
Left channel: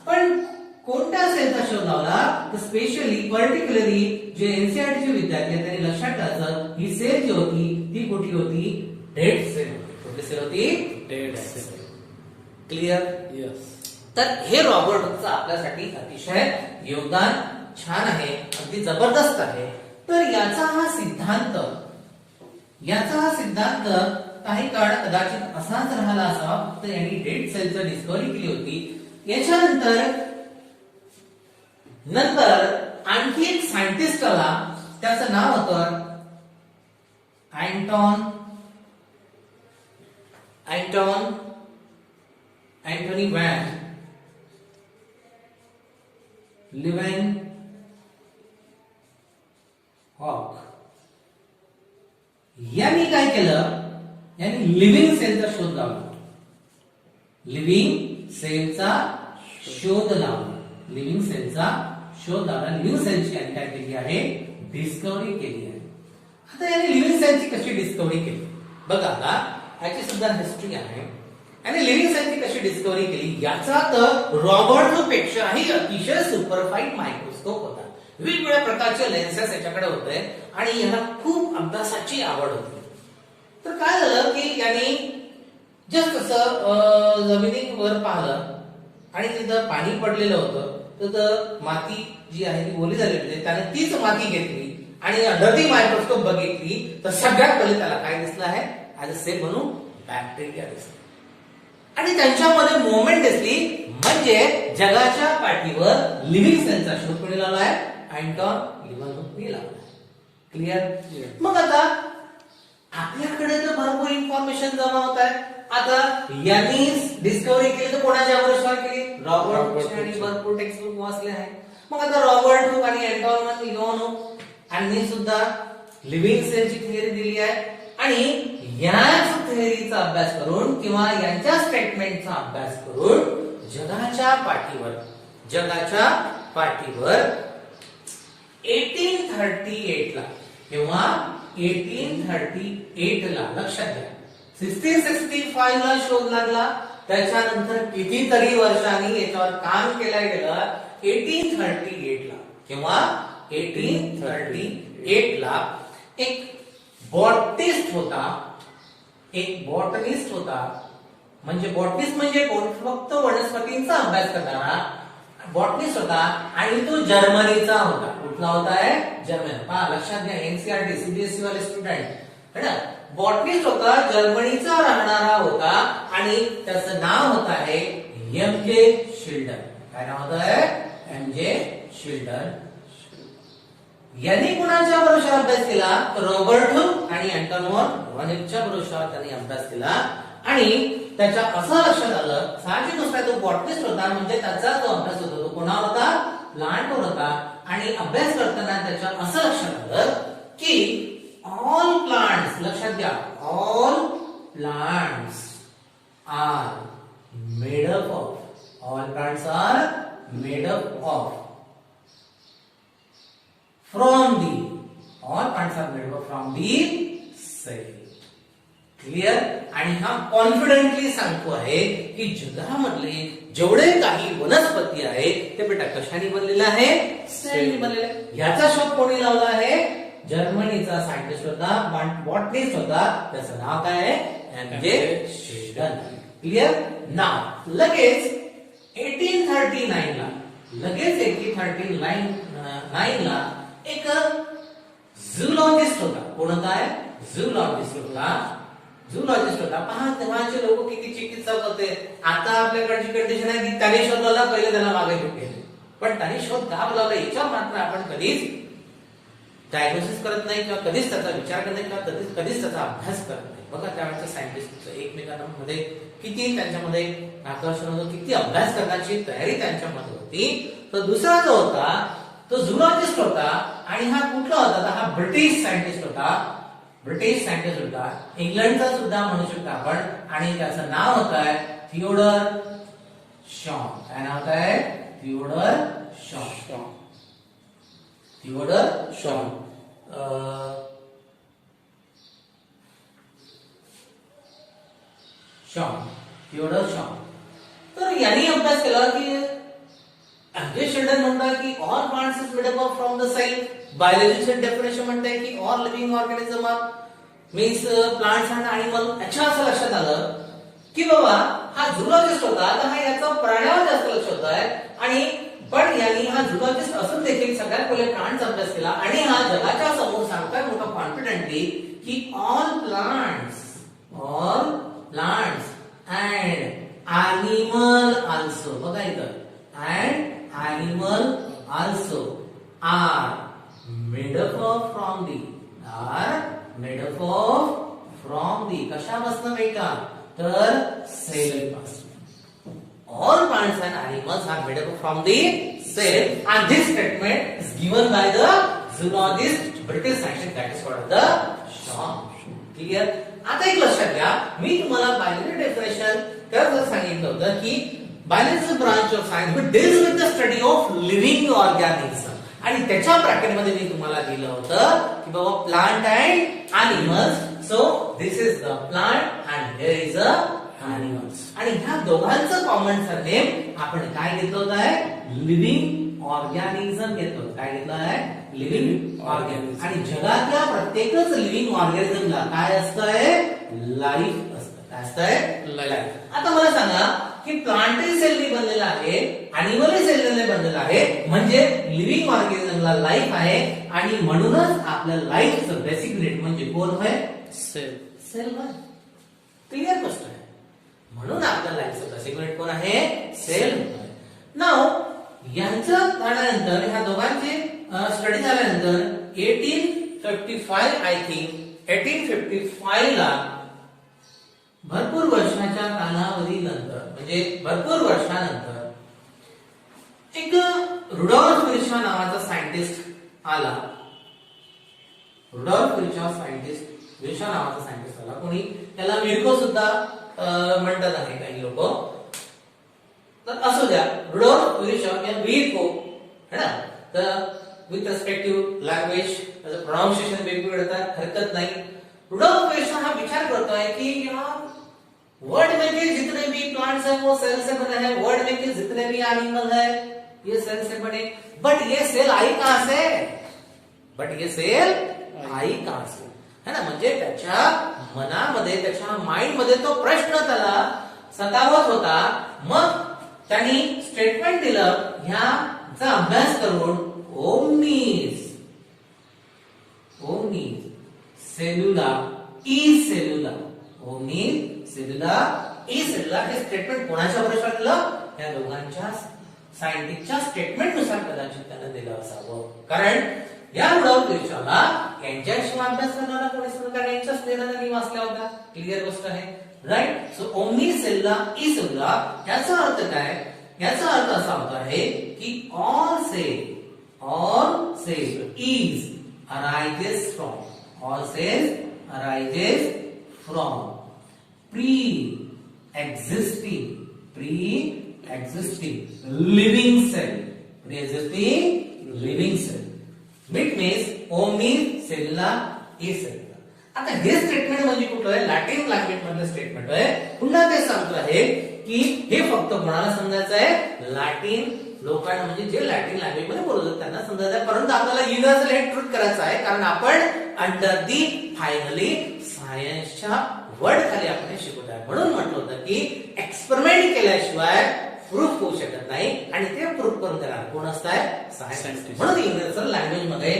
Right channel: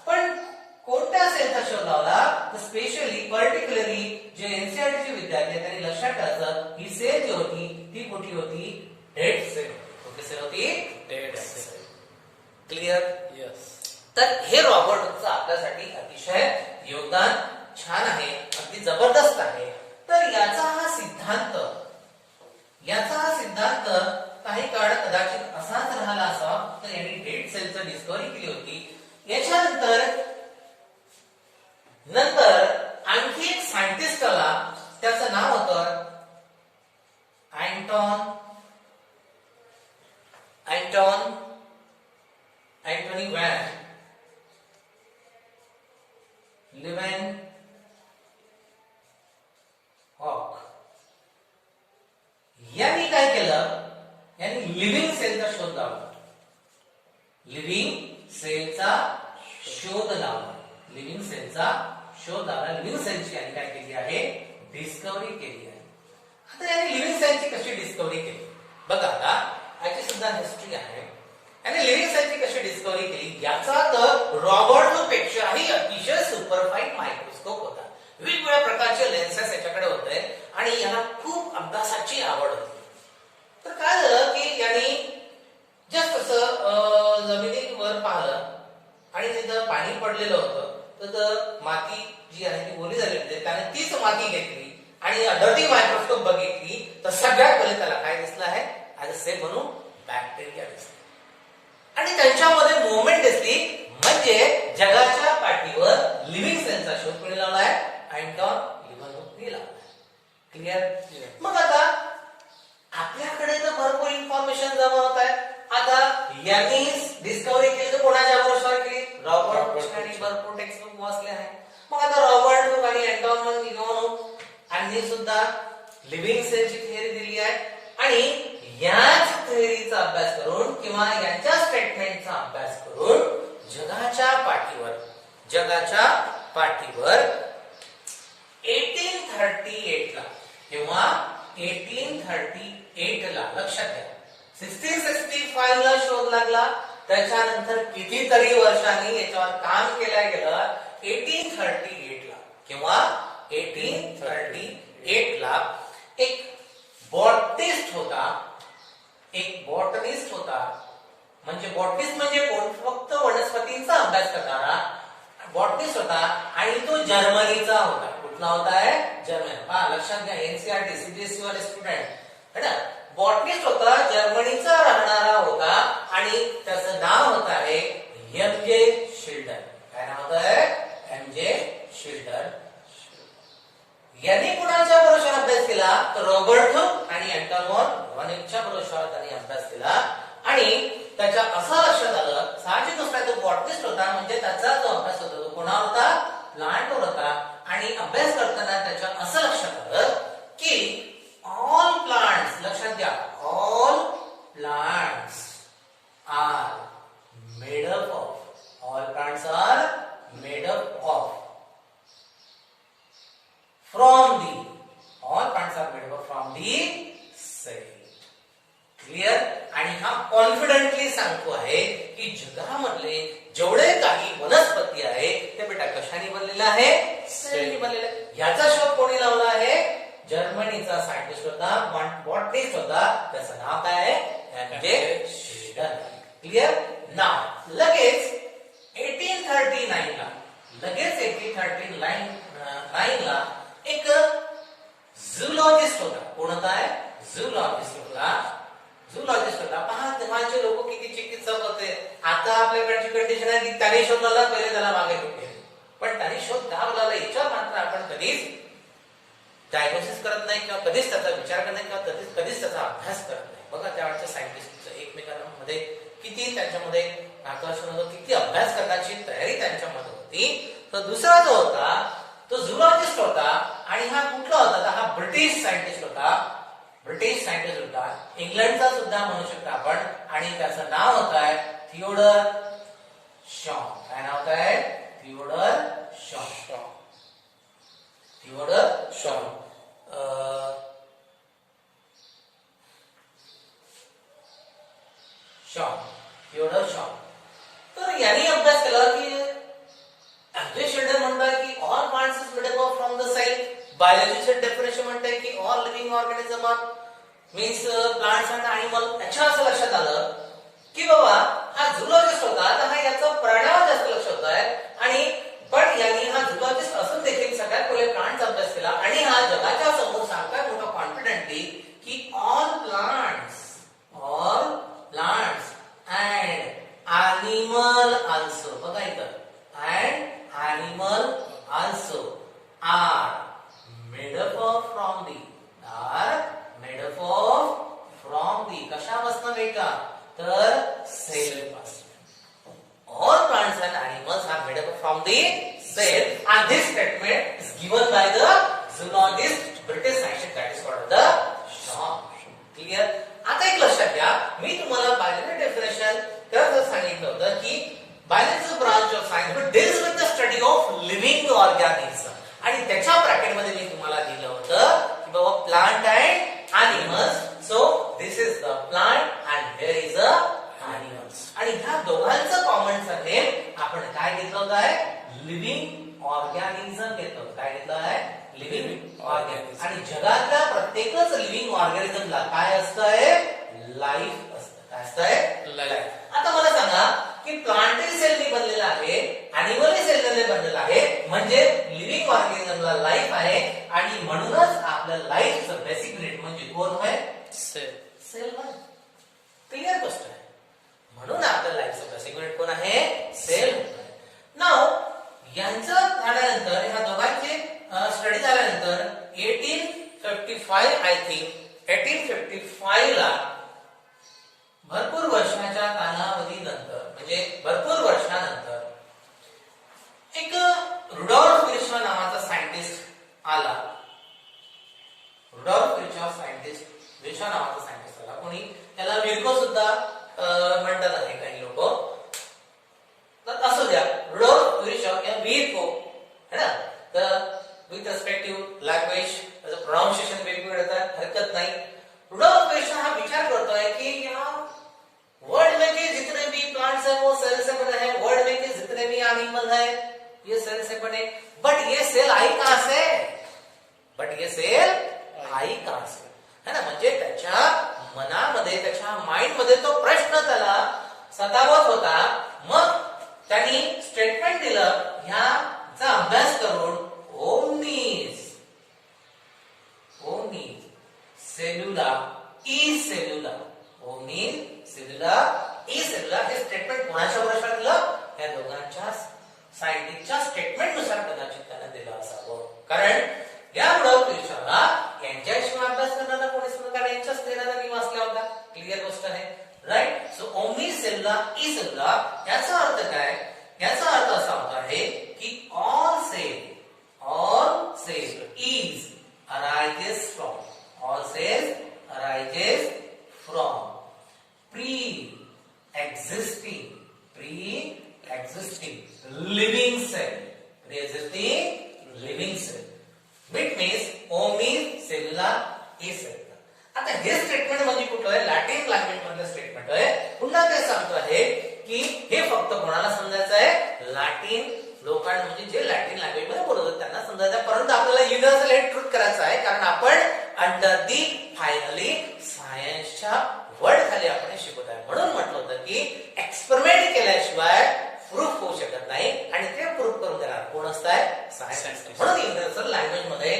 पण कोणत्या सेलचा शोध लावला? स्पेशली पर्टिक्युलरली जे एनसीईआरटी विद्यार्थी त्यांनी लक्षात ठेवायचं, ही सेल जी होती ती कुठली होती? डेड सेल होती. कुठली सेल होती? Dead cell. क्लिअर? यस. तर हे रॉबर्ट हुकचं आपल्यासाठी अतिशय योगदान छान आहे, अगदी जबरदस्त आहे. तर याचा हा सिद्धांत काही काळ कदाचित असाच राहिला असावा. तर यांनी डेड सेलचं डिस्कवरी केली होती. याच्यानंतर आणखी एक सायंटिस्ट आला, त्याचं नाव होतं अँटोनी व्हॅन लिव्हनहॉक. यांनी काय केलं? यांनी लिव्हिंग सेलचा शोध लावला. लिव्हिंग सेलचा शोध लावला. लिव्हिंग सेलची यांनी काय केली आहे? डिस्कवरी केली आहे. आता यांनी लिव्हिंग सेलची कशी डिस्कवरी केली? बघा, आता याची सुद्धा हिस्ट्री आहे. यांनी लिव्हिंग सेलची कशी डिस्कवरी केली? याचा तर रॉबर्ट हुक पेक्षाही अतिशय सुपरफाईन मायक्रोस्कोप होता. वेगवेगळ्या प्रकारचे लेन्सेस याच्याकडे होते आणि याला खूप अभ्यासाची आवड होती. तर काय झालं की यांनी जस्ट असं जमिनीवर पाहिलं आणि तिथं पाणी पडलेलं होतं. तर माती जी आहे ती ओली झालेली होती. त्याने तीच माती घेतली आणि अंडर दी मायक्रोस्कोप बघितली तर सगळ्यात पहिले त्याला काय दिसलं आहे? ऍज अ सेल म्हणून बॅक्टेरिया दिसला आणि त्यांच्यामध्ये मुवमेंट दिसली. म्हणजे जगाच्या पाठीवर लिव्हिंग सेलचा शोध कोणी लावला आहे? अँटोनी लिव्हनहॉकने लावला. क्लिअर? मग आता आपल्याकडे तर भरपूर इन्फॉर्मेशन जमा होत आहे. आता यांनी डिस्कवरी केली तर कोणाच्या भरोशावर केली? रॉबर्ट हुक यांनी भरपूर टेक्स्टबुक वाचले आहे. मग आता रॉबर्ट हुक आणि अँटोनी लिव्हनहॉक यांनी सुद्धा लिव्हिंग सेलची थिअरी दिली आहे आणि याच थिअरीचा अभ्यास करून किंवा यांच्या स्टेटमेंटचा अभ्यास करून जगाच्या पाठीवर 1838 ला किंवा 1838 ला लक्षात घ्या 1665 ला शोध लागला. त्याच्यानंतर कितीतरी वर्षांनी याच्यावर काम केलं गेलं. 1838 ला किंवा 1838 ला एक बॉटनिस्ट होता. म्हणजे बॉटनिस्ट म्हणजे कोण? फक्त वनस्पतींचा अभ्यास करणारा बॉटनिस्ट होता आणि तो जर्मनीचा होता. कुठला होता? जर्मनी. पहा, लक्षात घ्या, एनसीईआरटी सीबीएसई वाले स्टुडंट है ना. बॉटनिस्ट होता, जर्मनीचा राहणारा होता आणि त्याचं नाव होत आहे एम.जे. शिल्डन. काय नाव होत आहे? एम.जे. शिल्डन. यांनी कुणाच्या भरोशावर अभ्यास केला? तर रॉबर्ट हुक आणि अँटोनी लिव्हनहॉकच्या भरोशावर त्यांनी अभ्यास केला आणि त्याच्या असं लक्षात आलं, साहजिक गोष्ट तो बॉटनिस्ट होता म्हणजे त्याचा जो अभ्यास होता तो कोणावर होता? प्लांटवर होता. आणि अभ्यास करताना त्याच्या असं लक्षात आलं की ऑल प्लांट्स, लक्षात घ्या, all plants are made up of, all plants are made up of from the, all plants are made up from the cell. Clear? आणि हा कॉन्फिडेंटली सांगतो आहे की जगामधले जेवढे काही वनस्पती आहे ते बेटा कशाने बनलेले आहे? सेलने बनलेले आहे. याचा शोध कोणी लावला आहे? जर्मनीचा सायंटिस्ट होता, बॉटनिस्ट होता. त्याचं नाव काय आहे? एम.जे. शिल्डन. क्लिअर? नाव लगेच 1839 ला एक झूलॉजिस्ट होता. कोण होता? झूलॉजिस्ट होता. पहा, तेव्हाचे लोक किती चिकित्सक होते. आता आपल्याकडची कंडिशन आहे की त्याने शोध लावला, पहिले त्याला मागे सुट्टे. पण त्यांनी शोध का बोलावला याच्यावर मात्र आपण कधीच डायग्नोसिस करत नाही किंवा कधीच त्याचा विचार करत नाही किंवा कधीच त्याचा अभ्यास करत नाही. बघा त्यावेळेच्या सायंटिस्टचं एकमेकांमध्ये किती त्यांच्यामध्ये आकर्षण होतं, किती अभ्यास करण्याची तयारी त्यांच्यामध्ये होती. तर दुसरा जो होता तो झुलॉजिस्ट होता आणि हा कुठला होता, तर हा ब्रिटिश सायंटिस्ट होता. ब्रिटिश सायंटिस्ट होता, इंग्लंडचा सुद्धा म्हणू शकता आपण, आणि त्याचं नाव होत आहे थिओडर शॉ. काय नाव होत आहे? थिओडर शॉ. थिओडर शॉ. थिओडर शॉ. तर यांनी अभ्यास केला की अँड्रे शेल्डन म्हणतात की all plants is made up from the cell. बायोलॉजीचं डेफिनेशन म्हणते की all living organism are means plants and animal. याच्या असं लक्षात आलं की बाबा हा झुलॉजिस्ट होता, तर हा याचा प्राण्यावर जास्त लक्ष होत आहे. आणि पण यांनी हा झुलॉजिस्ट असून देखील सगळ्यात पहिले प्लांट्स अभ्यास केला आणि हा जगाच्या समोर सांगताय मोठा कॉन्फिडेंटली की all plants and animal also. बघा इथं and animal also are made up from the कशापासून मिळतात, तर सेल पासून. All plants and animals are made up from the cell, and this statement is given by the zoologist, British scientist, that is called the Shaw. Clear? आता एक लक्षात घ्या, मी तुम्हाला बायोलॉजी डेफिनेशन तर सांगितलं होतं की biology is a branch of science which deals with the study of living organism. आणि त्याच्या ब्रॅकेट मध्ये मी तुम्हाला दिलं होतं की बाबा plant and animals. So this is the plant and here is a animals. आणि ह्या दोघांचं कॉमन सरनेम आपण काय घेतलं होतं आहे? लिव्हिंग ऑर्गॅनिझम घेतलं होतं. काय घेतलं आहे? Living organism. आणि जगातल्या प्रत्येकच लिव्हिंग ऑर्गॅनिझमला काय असतंय? लाईफ असतं. काय असतंय? लाईफ. आता मला सांगा की प्लांटरी सेलनी बनलेला आहे, अॅनिमल सेलने बनलेला आहे, म्हणजे लिव्हिंग ऑर्गॅनिझमला लाईफ आहे. आणि म्हणूनच आपल्या लाईफचं बेसिक युनिट म्हणजे कोण आहे? सेल. सेल. क्लिअर गोष्ट आहे. म्हणून आपल्या लाईफचं बेसिक युनिट कोण आहे? सेल. नाव यांचं झाल्यानंतर ह्या दोघांचे स्टडी झाल्यानंतर 1855 आय थिंक 1855 ला भरपूर वर्षाच्या कालावधीनंतर म्हणजे भरपूर वर्षानंतर एक रुडॉल्फ विर्शॉ नावाचा सायंटिस्ट आला. रुडॉल्फ विर्शॉ नावाचा सायंटिस्ट आला. कोणी त्याला विर्को सुद्धा म्हणतात आहे काही लोक. तर असू द्या, रुडॉल्फ विर्शॉ किंवा विर्को है ना. तर विथ रेस्पेक्टिव्ह लँग्वेज त्याचं प्रोनाउन्सिएशन वेगवेगळं येतात, हरकत नाही. रुडॉल्फ विर्शॉ हा विचार करतोय की या वर्ल्ड में के जितने भी प्लांट्स हैं वो सेल से बने हैं, वर्ल्ड में के जितने भी एनिमल हैं ये सेल से बने. बट ये सेल आई कहां से? है ना. म्हणजे त्याच्या मनामध्ये, त्याच्या माइंड मध्ये तो प्रश्न त्याला सतावत होता. मग त्यांनी स्टेटमेंट दिलं, ह्याचा अभ्यास करून ओमनीज सेल्युलर ई सेल्युलर हे स्टेटमेंट कोणाच्या भरोशा दिलं? या दोघांच्या सायंटिस्टच्या स्टेटमेंट नुसार कदाचित त्याला दिलं असावं. कारण या रुडॉल्फ विर्शॉला यांच्याशिवाय अभ्यास करणारा कोणीच नव्हता, कारण यांच्याच देण्याचा नियम असला होता. क्लिअर गोष्ट आहे, right. So omni cellular e cellular याचा अर्थ काय? याचा अर्थ असा होता आहे की all cell is arises from pre-existing living cell. Which means omni cellular e cellular. आता हे स्टेटमेंट म्हणजे कुठलं आहे? लॅटिन लँग्वेज मधलं स्टेटमेंट आहे. पुन्हा ते सांगतो आहे की हे फक्त कोणाला समजायचं आहे? लॅटिन लोकांना, म्हणजे जे लॅटिन लँग्वेज मध्ये बोलत होते त्यांना समजायचं आहे. परंतु आपल्याला युनिव्हर्सल हे ट्रूथ करायचं आहे, कारण आपण अंडर दी फायनली सायन्सच्या वर्ड खाली आपण शिकवत आहे. म्हणून म्हटलं होतं की एक्सपेरिमेंट केल्याशिवाय प्रूफ होऊ शकत नाही, आणि ते प्रूफ करून देणार कोण असताय? सायंटिस्ट. म्हणून युनिव्हर्सल लँग्वेज मध्ये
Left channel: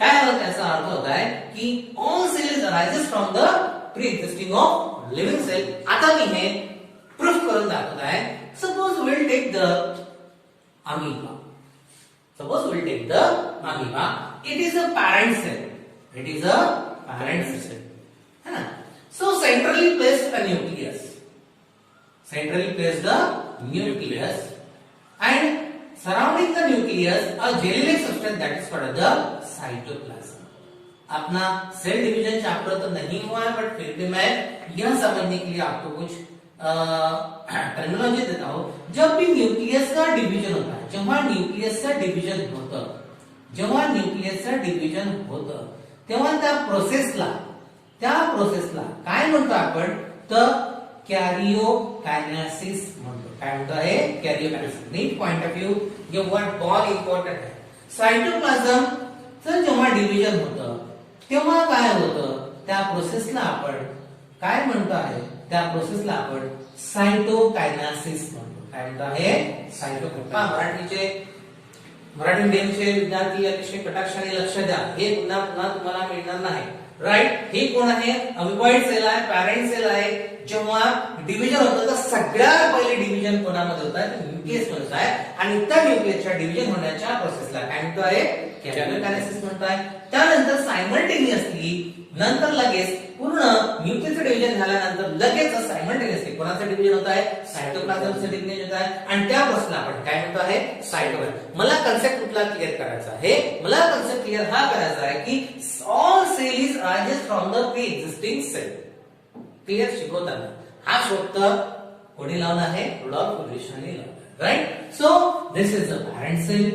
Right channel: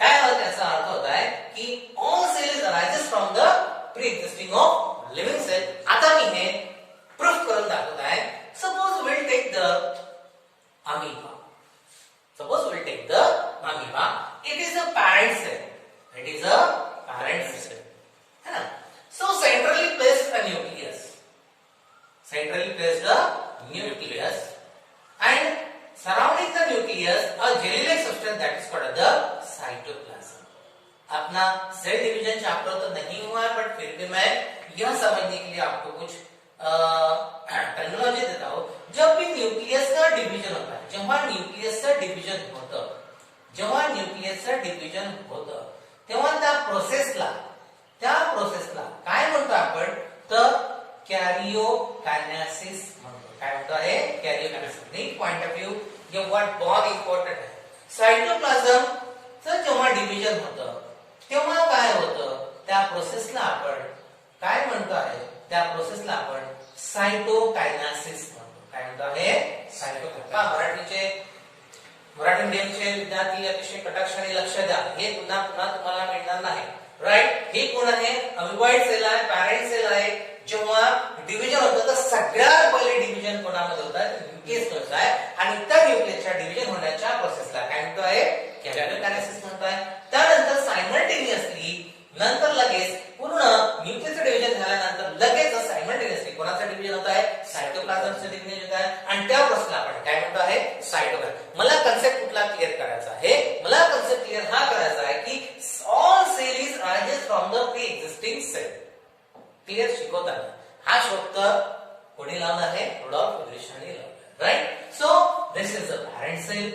काय त्याचा अर्थ होत आहे की all cells arises from the pre existing of living cell. आता मी हे प्रूफ करून दाखवत आहे. Suppose will take the amoeba. Suppose we will take the amoeba. It is a parent cell. It is a parent cell. है ना? So centrally placed a nucleus. Centrally placed a nucleus, and surrounding the nucleus a jelly-like substance that is called the cytoplasm. अपना सेल डिवीजन चैप्टर तो नहीं हुआ है, बट फिर भी मैं यह समझने के लिए आपको कुछ टर्मिनोलॉजी देता हूं. जब भी न्यूक्लियस का डिवीजन होता है, जेव्हा न्यूक्लियसचं डिव्हिजन होतं, जेव्हा न्यूक्लियसचं डिव्हिजन होतं तेव्हा त्या प्रोसेसला काय म्हणतो आपण, तर कॅरियोकायनेसिस म्हणतो. काय म्हणतो आहे? कॅरियोकायनेसिस. नीट पॉइंट ऑफ व्ह्यू ये वर्ड बहुत इम्पॉर्टंट आहे. सायटोप्लाझमचं जेव्हा डिव्हिजन होतं तेव्हा काय होतं, त्या प्रोसेसला आपण काय म्हणतो आहे, त्या प्रोसेसला आपण सायटोकायनेसिस म्हणतो. काय म्हणतो आहे? सायटोकायनेसिस. मराठी मीडियमचे विद्यार्थी अतिशय कटाक्षाने लक्ष द्या, हे पुन्हा पुन्हा तुम्हाला मिळणार नाही. राईट? हे कोण आहे? अमिबॉइड सेल आहे, पॅरेंट सेल आहे. जेव्हा डिव्हिजन होतं तर सगळ्यात पहिले डिव्हिजन कोणामध्ये होत आहे? न्यूक्लियस होत आहे, आणि त्या न्यूक्लियसच्या डिव्हिजन होण्याच्या प्रोसेसला काय म्हणतो आहे? कॅरियोकायनेसिस म्हणतो आहे. त्यानंतर सायमल्टेनियसली नंतर लगेच पूर्ण न्यूक्लियसचं डिव्हिजन झाल्यानंतर लगेच सायमल्टेनियसली कोणाचं डिव्हिजन होत आहे? सायटोप्लाझमचं डिव्हिजन होत आहे, आणि त्या प्रोसेसला आपण काय म्हणतो आहे? सायटोप्लाझम. मला कन्सेप्ट कुठला क्लिअर करायचा आहे? मला कन्सेप्ट क्लिअर हा करायचा आहे की all cell is arises from the pre existing cell. Clear? शिकवताना हा शब्द कोणी लावला आहे? रुडॉल्फ विल्सनने लावला. Right? So this is the parent cell.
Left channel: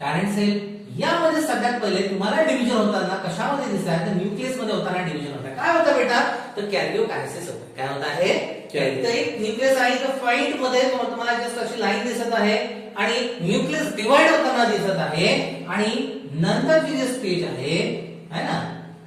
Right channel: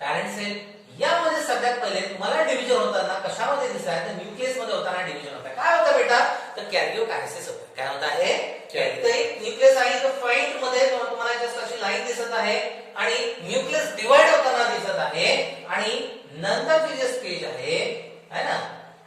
Parent cell यामध्ये सगळ्यात पहिले तुम्हाला डिव्हिजन होताना कशामध्ये दिसतंय? तर न्यूक्लियस मध्ये होताना डिव्हिजन होत आहे. काय होतं बेटा? तर कॅरियोकायनेसिस होतं. काय होत आहे? एक न्यूक्लियस आहे, तर फ्रंट मध्ये तुम्हाला जस्ट अशी लाईन दिसत आहे, आणि न्यूक्लियस डिवाइड होताना दिसत आहे, आणि नंतरची जे स्टेज आहे ना,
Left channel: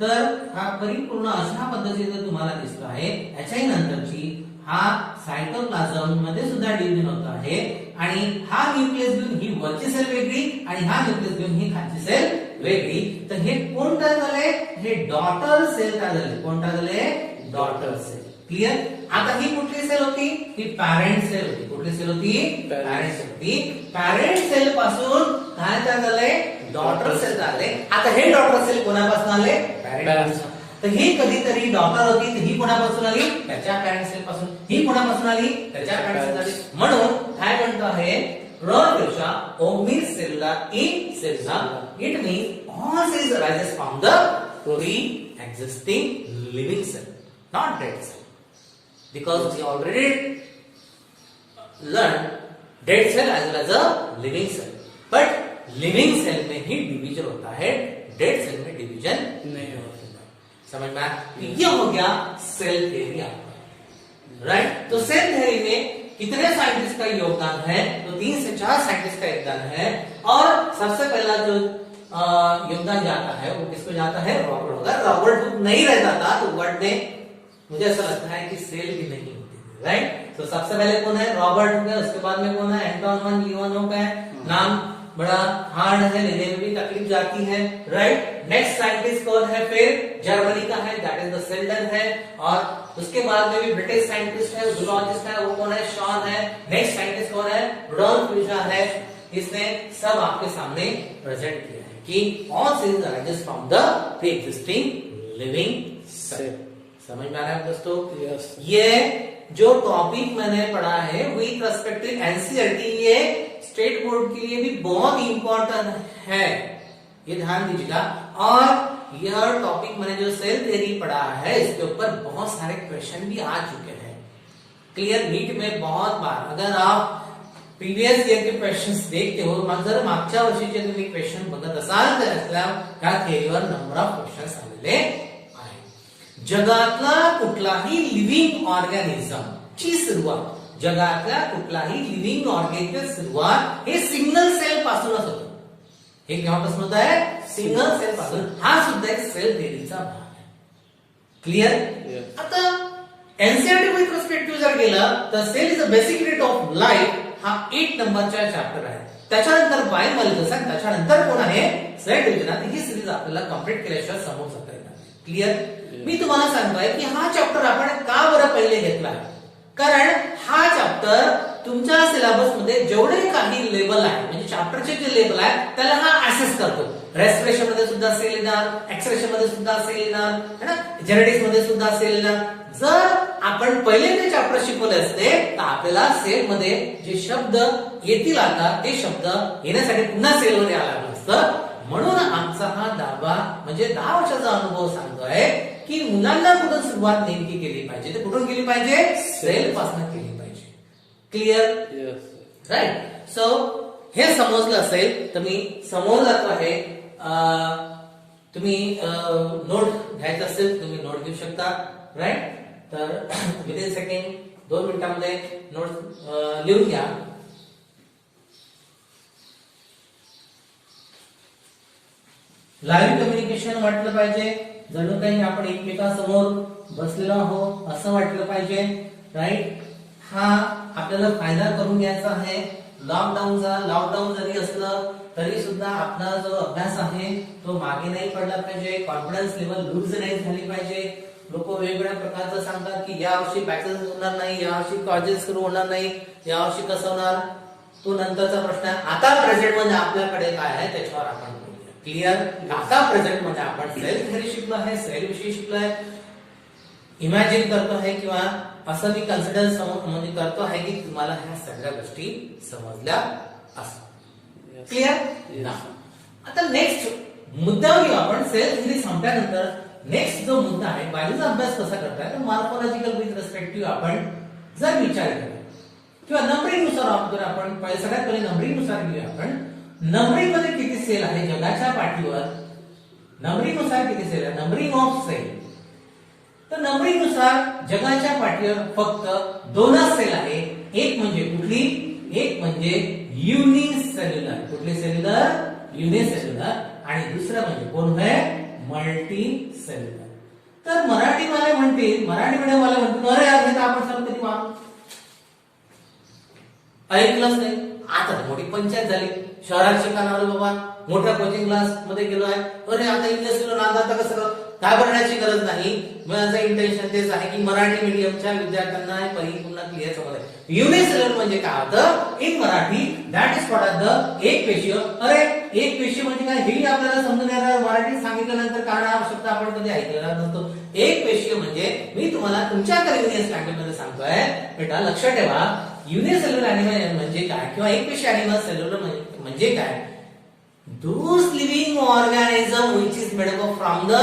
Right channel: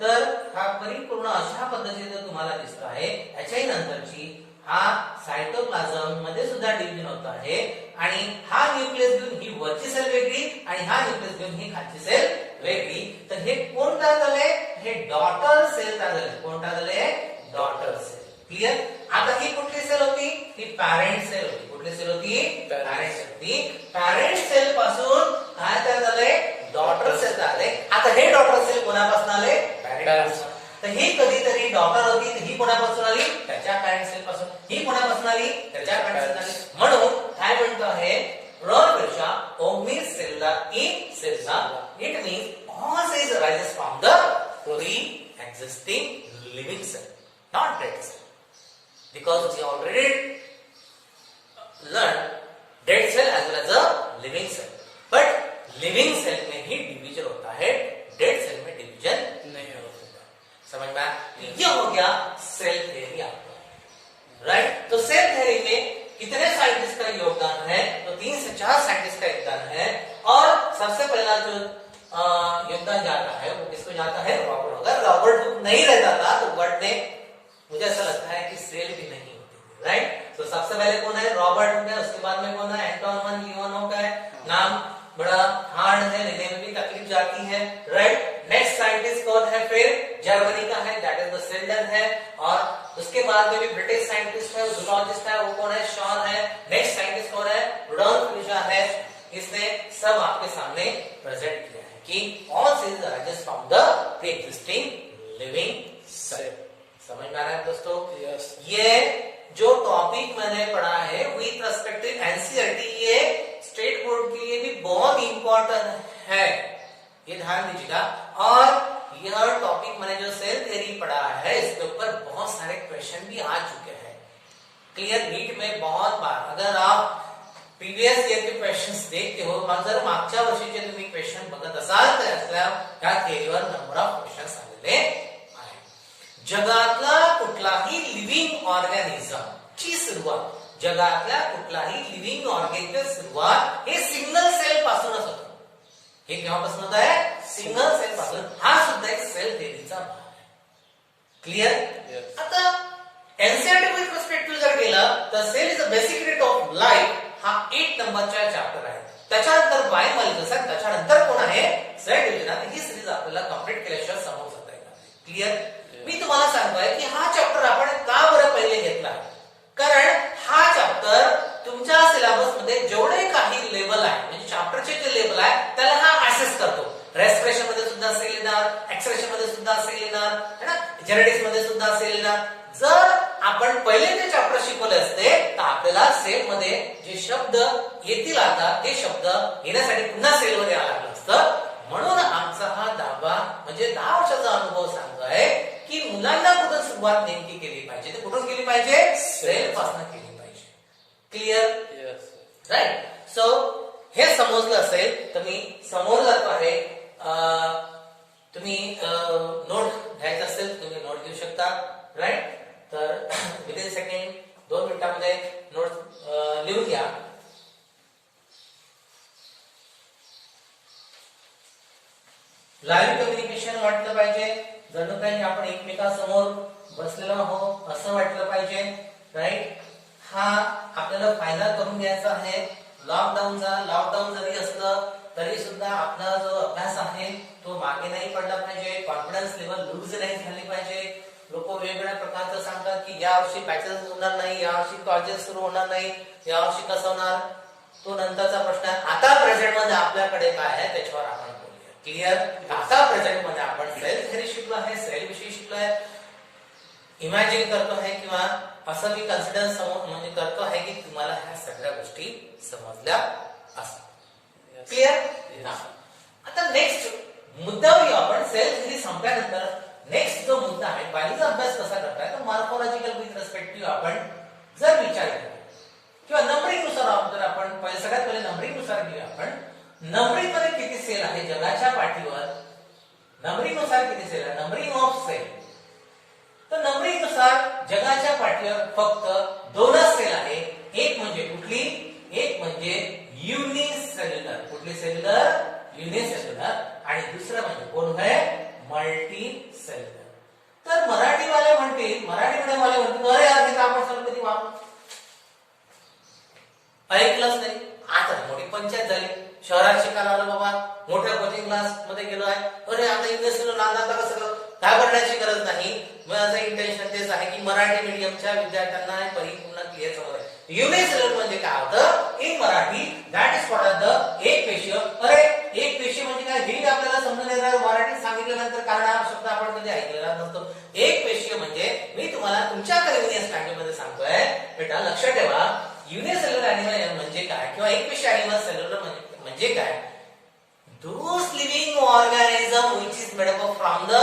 तर हा परिपूर्ण अशा पद्धतीने तुम्हाला दिसत आहे. याच्याही नंतरची हा सायटोप्लाझम मध्ये सुद्धा डिव्हिजन होत आहे, आणि हा न्यूक्लियस घेऊन ही वरची सेल वेगळी, आणि हा न्यूक्लियस घेऊन ही खालची सेल वेगळी. तर हे कोण तयार झालंय? हे डॉटर सेल तयार झाले. कोण तयार झाले? Daughter cell. क्लिअर? आता ही कुठली सेल होती? ही पॅरेंट सेल होती. कुठली सेल होती? पॅरेंट सेल होती. पॅरेंट सेल पासून काय तयार झालंय? डॉटर सेल तयार झाले. आता हे डॉटर सेल कोणापासून आले? पॅरेंट. तर ही कधीतरी डॉटर होती, तर ही कोणापासून आली? त्याच्या पॅरेंट सेल पासून. ही कोणापासून आली? त्याच्या पॅरेंट सेल. म्हणून काय म्हणतो आहे? रोडच्या ओमनी सेलला इन सेलला it means all cells arises from the pre existing living cell, not dead cell. Because we already learned dead cell as well as a living cell, but living cell में ही डिवीजन होता है, डेड सेल में डिवीजन नहीं होता. समझ में आया? ये हो गया सेल थ्योरी आपको. राइट? तो सेल थ्योरी में कितने साइंटिस्ट का योगदान है? तो 3 से 4 साइंटिस्ट का योगदान है, और सबसे पहला जो योगदान जाता है वो किसको जाता है? रॉबर्ट. अगर रॉबर्ट हुक नहीं रहता था तो वर्ल्ड में मुझे ऐसा लगता है कि सेल भी नहीं होती थी. राइट? तो सबसे पहले कौन है? रॉबर्ट हुक है. उसके बाद में कौन है? एंटोन वन लीवानोव का है. नाम बड़ा हार्ड है, लेने में भी तकलीफ जाती है. राइट? नेक्स्ट साइंटिस्ट कौन है? फिर जर्मनी का है, दैट इज द सेल्डर है. और उसके बाद में भी ब्रिटिश साइंटिस्ट है, जूलॉजिस्ट है, वो कौन है? शॉन है. नेक्स्ट साइंटिस्ट कौन है? रुडोल्फ विल्सन है. इसने सब आपके सामने प्रेजेंट किया है कि all cells arises from the pre existing living cell. समझ में आ रहा है दोस्तों? यस. ये जो टॉपिक मैंने पढ़ा है विथ रेस्पेक्ट टू एनसीईआरटी, ये स्टेट बोर्ड के लिए भी बहुत इंपॉर्टेंट है, ये ध्यान दीजिएगा. और यह टॉपिक मैंने जो सेल थ्योरी पढ़ा है इसके ऊपर बहुत सारे क्वेश्चन भी आ चुके हैं. क्लियर? नीट में बहुत बार अगर आप प्रीवियस इयर के क्वेश्चन्स देखते हो, जर मागच्या वर्षीचे तुम्ही क्वेश्चन बघत असाल तर त्या थ्योरीवर नंबर ऑफ क्वेश्चन्स आलेले. जगातला कुठलाही लिव्हिंग ऑर्गॅनिझम ची सुरुवात, जगातल्या कुठलाही लिव्हिंग ऑर्गॅनिझम सुरुवात हे सिंगल सेल पासूनच होतं. हे केव्हापासून होत आहे? सिंगल सेल पासून. हा सुद्धा एक सेल थ्योरीचा भाग आहे. क्लिअर? आता एनसीईआरटी विथ रिस्पेक्ट जर गेलं तर cell is a basic unit of life हा 8 नंबरचा चॅप्टर आहे. त्याच्यानंतर बायोमॉलिक्युल्स, त्याच्यानंतर कोण आहे? Cell division. ही सिरीज आपल्याला कंप्लीट केल्याशिवाय समोर जाता येणार नाही. क्लिअर? मी तुम्हाला सांगतोय की हा चॅप्टर आपण का बरं पहिले घेतला, कारण हा चॅप्टर तुमच्या सिलेबस मध्ये जेवढे काही लेबल आहे म्हणजे चॅप्टरचे जे लेबल आहे त्याला हा ऍसेस करतो. रेस्पिरेशन मध्ये सुद्धा असेल येणार, एक्सप्रेशन मध्ये सुद्धा असेल येणार है ना, जेनेटिक्स मध्ये सुद्धा असेल येणार. जर आपण पहिले ते चॅप्टर शिकवले असते तर आपल्याला सेल मध्ये जे शब्द येतील आता ते शब्द येण्यासाठी पुन्हा सेलवर यायला लागलं असतं. म्हणून आमचा हा 10 वर्षाचा अनुभव सांगतोय की मुलांना कुठून सुरुवात नेमकी केली पाहिजे, ते कुठून केली पाहिजे, सेल पासून केली पाहिजे. क्लिअर? राईट. सो हे समजलं असेल तर मी समोर जातो आहे. तुम्ही नोट घ्यायचं असेल तुम्ही नोट घेऊ शकता. राईट. तर विदिन सेकंड 2 मिनिटांमध्ये नोट लिहून घ्या. लाईव्ह कम्युनिकेशन वाटलं पाहिजे, जणू काही आपण एकमेकांसमोर बसलेलो आहोत असं वाटलं पाहिजे. राईट. हा आपल्याला फायदा करून घ्यायचा आहे लॉकडाऊनचा. लॉकडाऊन जरी असलं तरी सुद्धा आपला जो अभ्यास आहे तो मागे नाही पडला पाहिजे. कॉन्फिडन्स लेवल लूज नाही झाली पाहिजे. लोक वेगवेगळ्या प्रकारचं सांगतात की यावर्षी बॅचेस होणार नाही, यावर्षी कॉलेजेस सुरू होणार नाही, यावर्षी कसं होणार, तो नंतरचा प्रश्न आहे. आता प्रेझेंट मध्ये आपल्याकडे काय आहे त्याच्यावर आपण बोलूया. क्लिअर? आता प्रेझेंट मध्ये आपण सेल थेअरी शिकलो आहे, सेल विषयी शिकलो आहे, इमॅजिन करतो आहे किंवा असं मी कन्सिडर म्हणजे करतो आहे की तुम्हाला ह्या सगळ्या गोष्टी समजल्या असतात. क्लिअर? आता नेक्स्ट मुद्द्यावर येऊ आपण. सेल थेअरी संपल्यानंतर नेक्स्ट जो मुद्दा आहे बायलॉजीचा अभ्यास कसा करताय तर मॉर्फोलॉजिकल विथ रिस्पेक्टिव्ह आपण जर विचार केला किंवा नंबरिंग नुसार जर आपण सगळ्यात पहिले नंबरिंग नुसार घेऊया. आपण नंबरिंग मध्ये किती सेल आहे जगाच्या पाठीवर, नंबरिंग नुसार किती सेल आहे, नंबरिंग ऑफ सेल. तर नंबरिंग नुसार जगाच्या पाठीवर फक्त 2च सेल आहे. एक म्हणजे कुठली, एक म्हणजे युनिसेल्युलर. कुठली सेल्युलर? युनिसेल्युलर. आणि दुसरं म्हणजे कोण आहे, मल्टी सेल्युलर. तर मराठीवाले म्हणतील, मराठी मीडियम वाले म्हणतील अरे यार हे तर आपण सर्व कधी ऐकलंच नाही. आता मोठी पंचायत झाली. शहरात शिकायला आलो बाबा, मोठ्या कोचिंग क्लास मध्ये गेलो आहे, अरे आता इंग्लिश नागात कसं घाबरण्याची गरज नाही. माझं इंटेन्शन तेच आहे की मराठी मीडियमच्या विद्यार्थ्यांना परिपूर्ण क्लिअर समज. युनिसेल्युलर म्हणजे काय होतं in Marathi, that is called the एक पेशीय. अरे एक पेशी म्हणजे काय हे आपल्याला समजून येणार मराठीत सांगितल्यानंतर, कारण हा शब्द आपण कधी ऐकलेला नसतो. एक पेशीय म्हणजे मी तुम्हाला तुमच्या कन्व्हिनियन्स मध्ये सांगतोय बेटा, लक्ष ठेवा. युनिसेल्युलर एनिमल म्हणजे काय किंवा एक पेशी एनिमल सेल्युलर म्हणजे काय, those living organism which is made up from the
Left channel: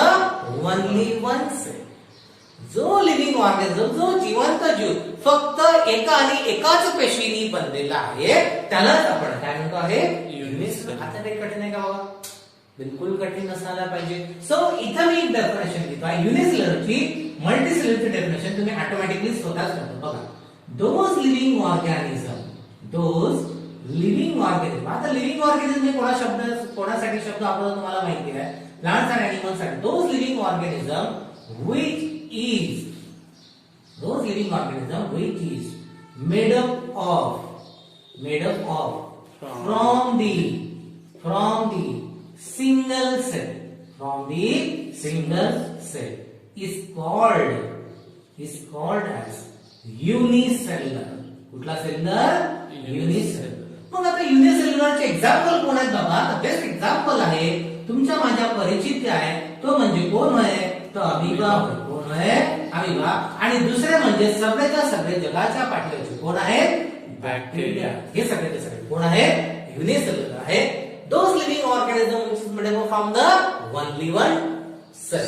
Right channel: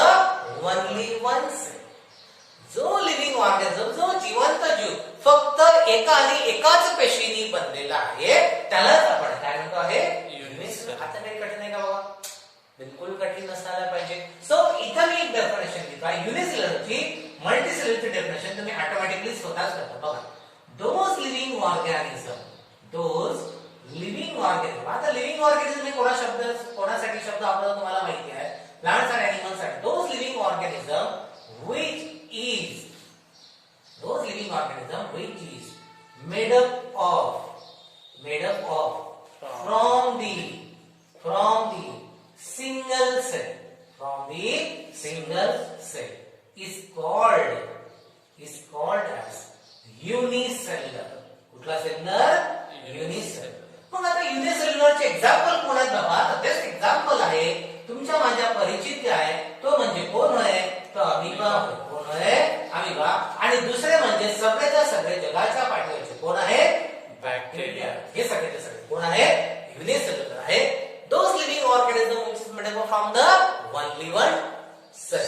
only one cell. जो लिव्हिंग ऑर्गॅनिझम, जो जिवंत जीव फक्त एका आणि एकाच पेशीनी बनलेला आहे त्यालाच आपण काय म्हणतो आहे, युनिसेल्युलर. आता काही कठीण आहे का बाबा? बिलकुल कठीण नसायला पाहिजे. सो इथं मी एक डेफिनेशन देतो आहे युनिसेल्युलरची. मल्टीसेल्युलरची डेफिनेशन तुम्ही ऑटोमॅटिकली स्वतःच करता. बघा, those living organism, those living organism. आता लिव्हिंग ऑर्गॅनिझम हे कोणासाठी शब्द आपल्याला तुम्हाला माहिती आहे, प्लांट्स अँड एनिमल्स साठी. Those living organism which is made up of from the single cell is called as unicellular. कुठला सेल्युलर? युनिसेल्युलर. मग आता युनिसेल्युलरचे एक्झाम्पल कोण आहेत बाबा? तर तेच एक्झाम्पल आहे तुमच्या माझ्या परिचित आहे, तो म्हणजे कोण आहे, तर अमिबा. कोण आहे? अमिबा. आणि दुसरे म्हणजे सगळ्याच्या सगळे जगाच्या पाठीवरचे कोण आहे, बॅक्टेरिया. हे सगळ्याचे सगळे कोण आहे, युनिसेल्युलर आहे. Those living organism which is made up from the only one cell.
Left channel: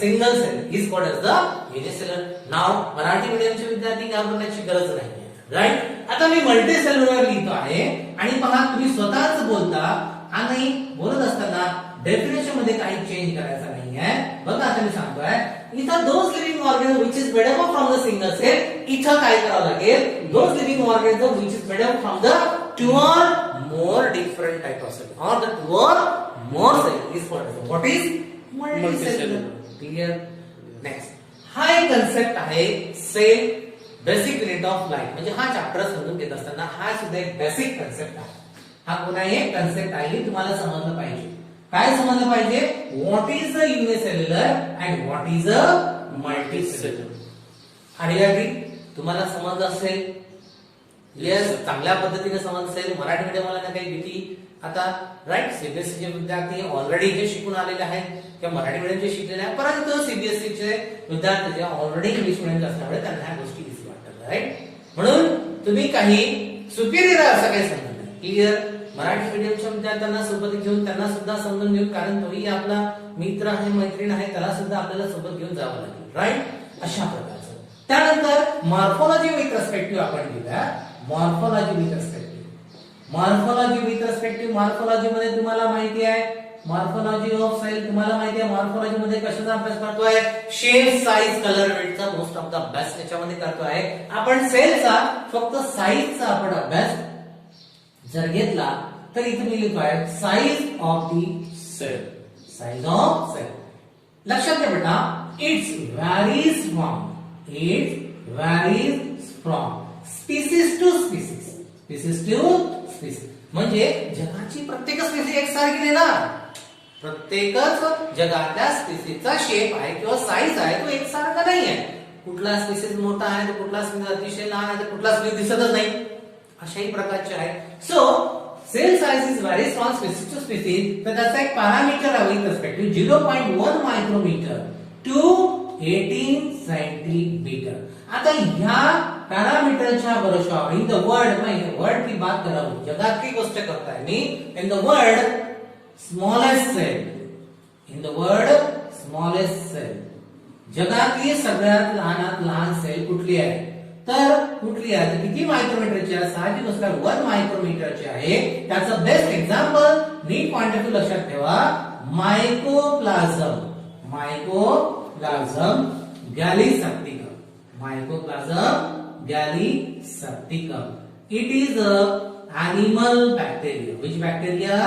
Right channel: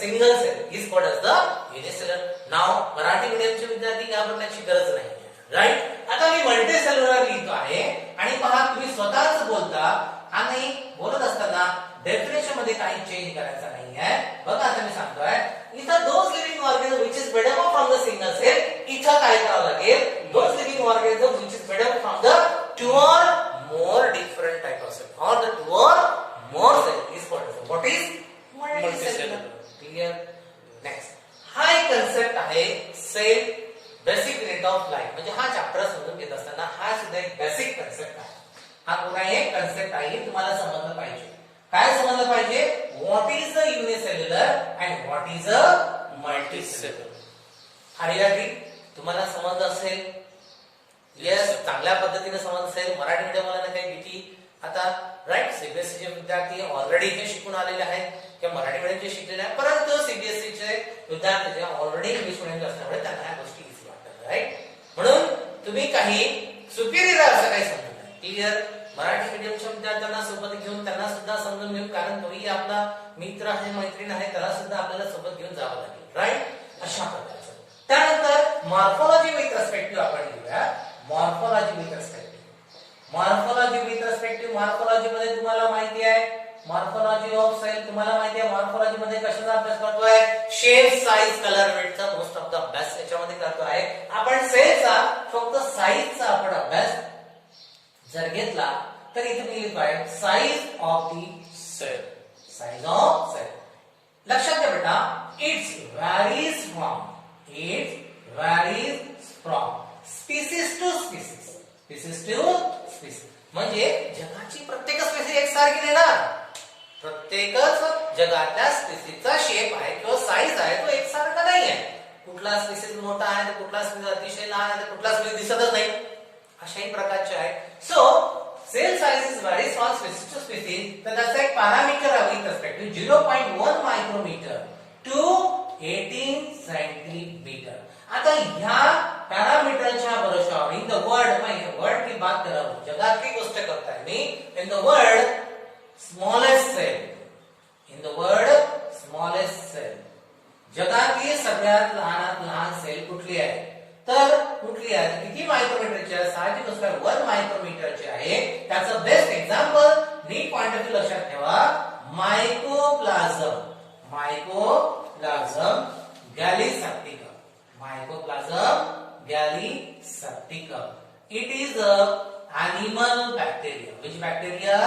Single cell is called as the unicellular. Now Marathi मीडियमचे विद्यार्थी घाबरण्याची गरज नाही. राईट. आता मी मल्टी सेल्युलर लिहितो आहे आणि पहा तुम्ही स्वतःच बोलता आणि बोलत असताना डेफिनेशन मध्ये काही चेंज करायचा नाही आहे. बघा आता मी सांगतोय इथं those living organism which is made up from the single cell. इथं काय करावं लागेल, those living organism which is made up from the two or more different type of cell or the two or more cell is called as what is multicellular. Clear? Next, हा एक कन्सेप्ट आहे cell basic unit of life. म्हणजे हा चॅप्टर समजून घेत असताना हा सुद्धा एक बेसिक कन्सेप्ट आहे. हा पुन्हा एक कन्सेप्ट आहे, तुम्हाला समजलं पाहिजे. काय समजलं पाहिजे, what is the unicellular and what is a multicellular. Are you agree? तुम्हाला समजलं असेल येस, चांगल्या पद्धतीने समजसेल. मराठी मीडियमला नाही काही भीती. आता राईट, सीबीएसईचे विद्यार्थी ऑलरेडी हे शिकून आलेले आहेत किंवा मराठी मीडियमचे शिकलेले आहेत, परंतु सीबीएसईचे विद्यार्थी जे ऑलरेडी इंग्लिश मीडियमचे असल्यामुळे त्यांना ह्या गोष्टी इझी वाटतात. राईट, म्हणून तुम्ही काही सुपिरियर असं काही समजत नाही. क्लिअर, मराठी मीडियमच्या विद्यार्थ्यांना सोबत घेऊन त्यांना सुद्धा समजून घेऊन, कारण तोही आपला मित्र आहे, मैत्रीण आहे, त्याला सुद्धा आपल्याला सोबत घेऊन जावं लागेल. राईट, अशा प्रकारचं. त्यानंतर मॉर्फोलॉजी विथ रेस्पेक्टिव्ह आपण घेऊया. Morphology with respective. Morphology with respective, morphology मध्ये तुम्हाला माहिती आहे मॉर्फोलॉजी ऑफ सेल, तुम्हाला माहिती आहे मॉर्फोलॉजी मध्ये कशाचा अभ्यास करतोय? शेप, साईज, कलर, वेटचा मोस्ट ऑफ द अभ्यास याच्यामध्ये करतोय आपण. सेलचा फक्त साईजचा आपण अभ्यास जर घेतला तर इथे मी लिहितोय size of the cell. Size of cell लक्षात घ्या बेटा, it's varies from species to species. Species to species म्हणजे जगाची प्रत्येक स्पीसीज एकसारखी नाही ना. प्रत्येकच जगातल्या स्पीसीजचा शेप आहे किंवा साईज आहे तो एकसारखा नाही आहे. कुठला स्पीसीज मोठा आहे तर कुठला स्पीसीज अतिशय लहान आहे तर कुठला स्पीसीज दिसतच नाही. अशाही प्रकारचे आहे. So cell size is varies from species to species. तर त्याचा एक पॅरामीटर आहे with respect to 0.1 micrometre to 18 centimetre. आता ह्या पॅरामीटरच्या भरोशावर इन द वर्ल्ड की बात कर रहा हूं, जगातली गोष्ट करताय मी. In the world smallest cell, in the world smallest cell, जगातली सगळ्यात लहानात लहान सेल कुठली आहे? तर कुठली आहे? किती मायक्रोमीटरची आहे? साहजिक गोष्ट 1 मायक्रोमीटरची आहे. त्याचं बेस्ट एक्झाम्पल नीट पॉइंट ऑफ व्ह्यू लक्षात ठेवा, Mycoplasma. Mycoplasma gallisepticum. Mycoplasma gallisepticum. It is a animal bacteria. Which bacteria?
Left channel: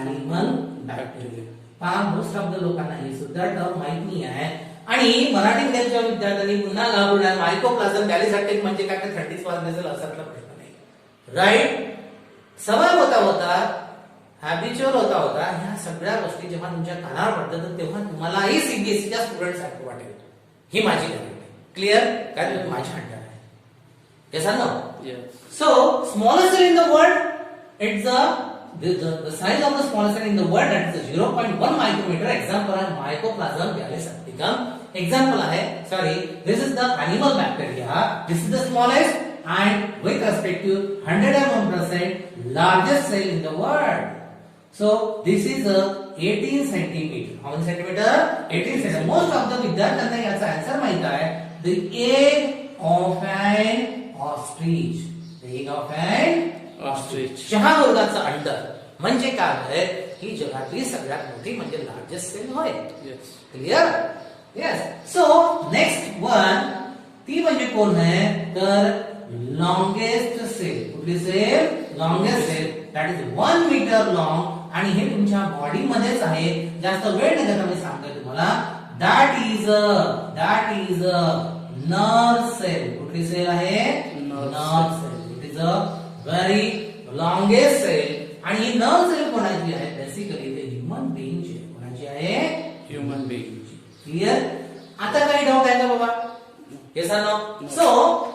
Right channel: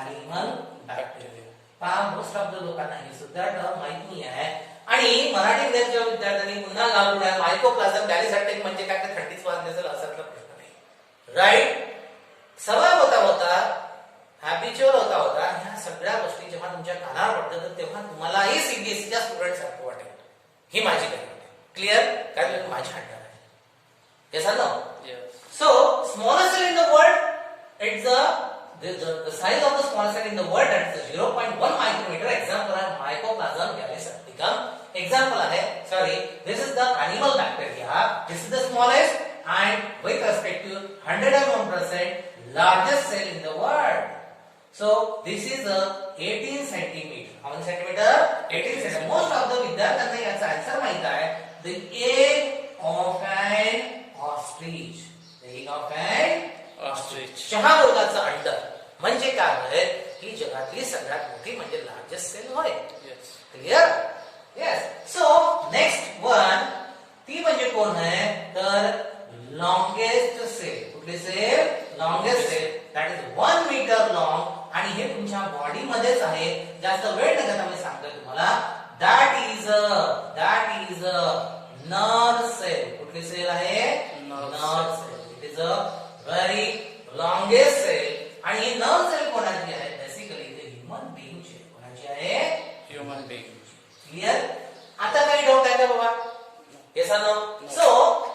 Animal bacteria. पहा, मोस्ट ऑफ द लोकांना ही सुद्धा टर्म माहित नाही आहे आणि मराठी मीडियमच्या विद्यार्थ्यांनी पुन्हा घाबरून आहे मायकोप्लाझम गॅलिसेप्टिक म्हणजे काय ते 30 मार्क असेल असा प्रश्न नाही. राईट, सवय होता हॅबिच्युअल होता ह्या सगळ्या गोष्टी जेव्हा तुमच्या कानावर पडतात तर तेव्हा तुम्हालाही सीबीएसईच्या स्टुडंट सारखं वाटेल. ही माझी गॅरंटी. क्लिअर? काय तुम्ही माझ्या हंडर आहे. Yes or no? Yeah. So, smallest cell in the world, it's the size of the smallest cell in the world, that is 0.1 micrometer. Example है Mycoplasma galisepticum. Example है, sorry, this is the animal bacteria. This is the smallest and with respect to 101% largest cell in the world. So, this is a 18 centimeter. How many centimeter? 18 centimeter. Most of the विद्यार्थ्यांना याचा आन्सर माहित आहे. The egg of an ostrich. The egg of an Ostrich. चहावर्गाचं अंड म्हणजे काय होय? ही जगातली सगळ्यात मोठी म्हणजे लार्जेस्ट सेल होय. Yes. Clear? Yes. So next one, ती म्हणजे कोण आहे? तर लॉंगेस्ट सेल. कुठली cell? Longest cell. That is 1 metre long आणि हे तुमच्या बॉडी मध्येच आहे. जास्त वेळ नाही घेता मी सांगतोय तुम्हाला. That is a nerve cell. कुठली सेल आहे? Nerve cell. It is a very longest cell आणि ही नर्व सेल कोणाची आहे? बेसिकली ते ह्युमन बीइंगची. कोणाची आहे? Human being. क्लिअर? आता काही डाऊट आहे का बाबा? हे सांगा. सो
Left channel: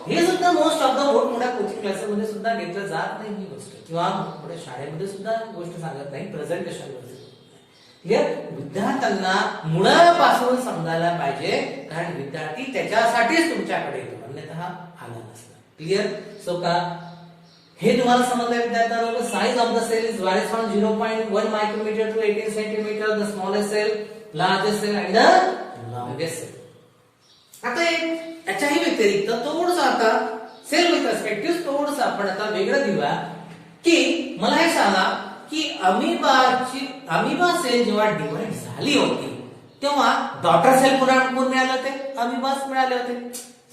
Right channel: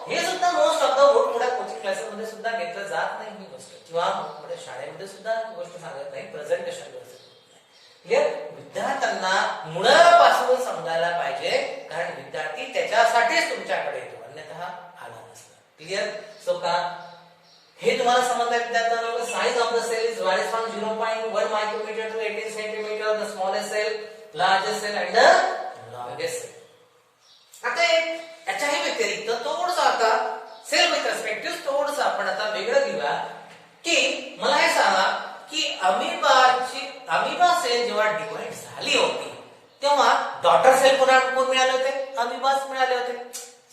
हे सुद्धा मोस्ट ऑफ द मोठ्या कोचिंग क्लासेसमध्ये सुद्धा घेतलं जात नाही ही गोष्ट किंवा मोठ्या शाळेमध्ये सुद्धा गोष्ट सांगत नाही. Presentation clear? विद्यार्थ्यांना मुळापासून समजायला पाहिजे कारण विद्यार्थी त्याच्यासाठीच तुमच्याकडे येतो, अन्यथा आला नसला. क्लिअर? सो का हे तुम्हाला समजलं विद्यार्थ्यांना? Size of the cell is varies from 0.1 micrometre to 18 centimetre. The smallest cell, largest cell and the longest cell. आता याच्याही व्यतिरिक्त थोडंसं आता सेल विथ पर्स्पेक्टिव्ह थोडंसं आपण आता वेगळं घेऊया की मला हे सांगा की अमिबा सेल जेव्हा डिवाइड झाली होती तेव्हा डॉटर सेल कोण मिळाले होते? अमिबास मिळाले होते.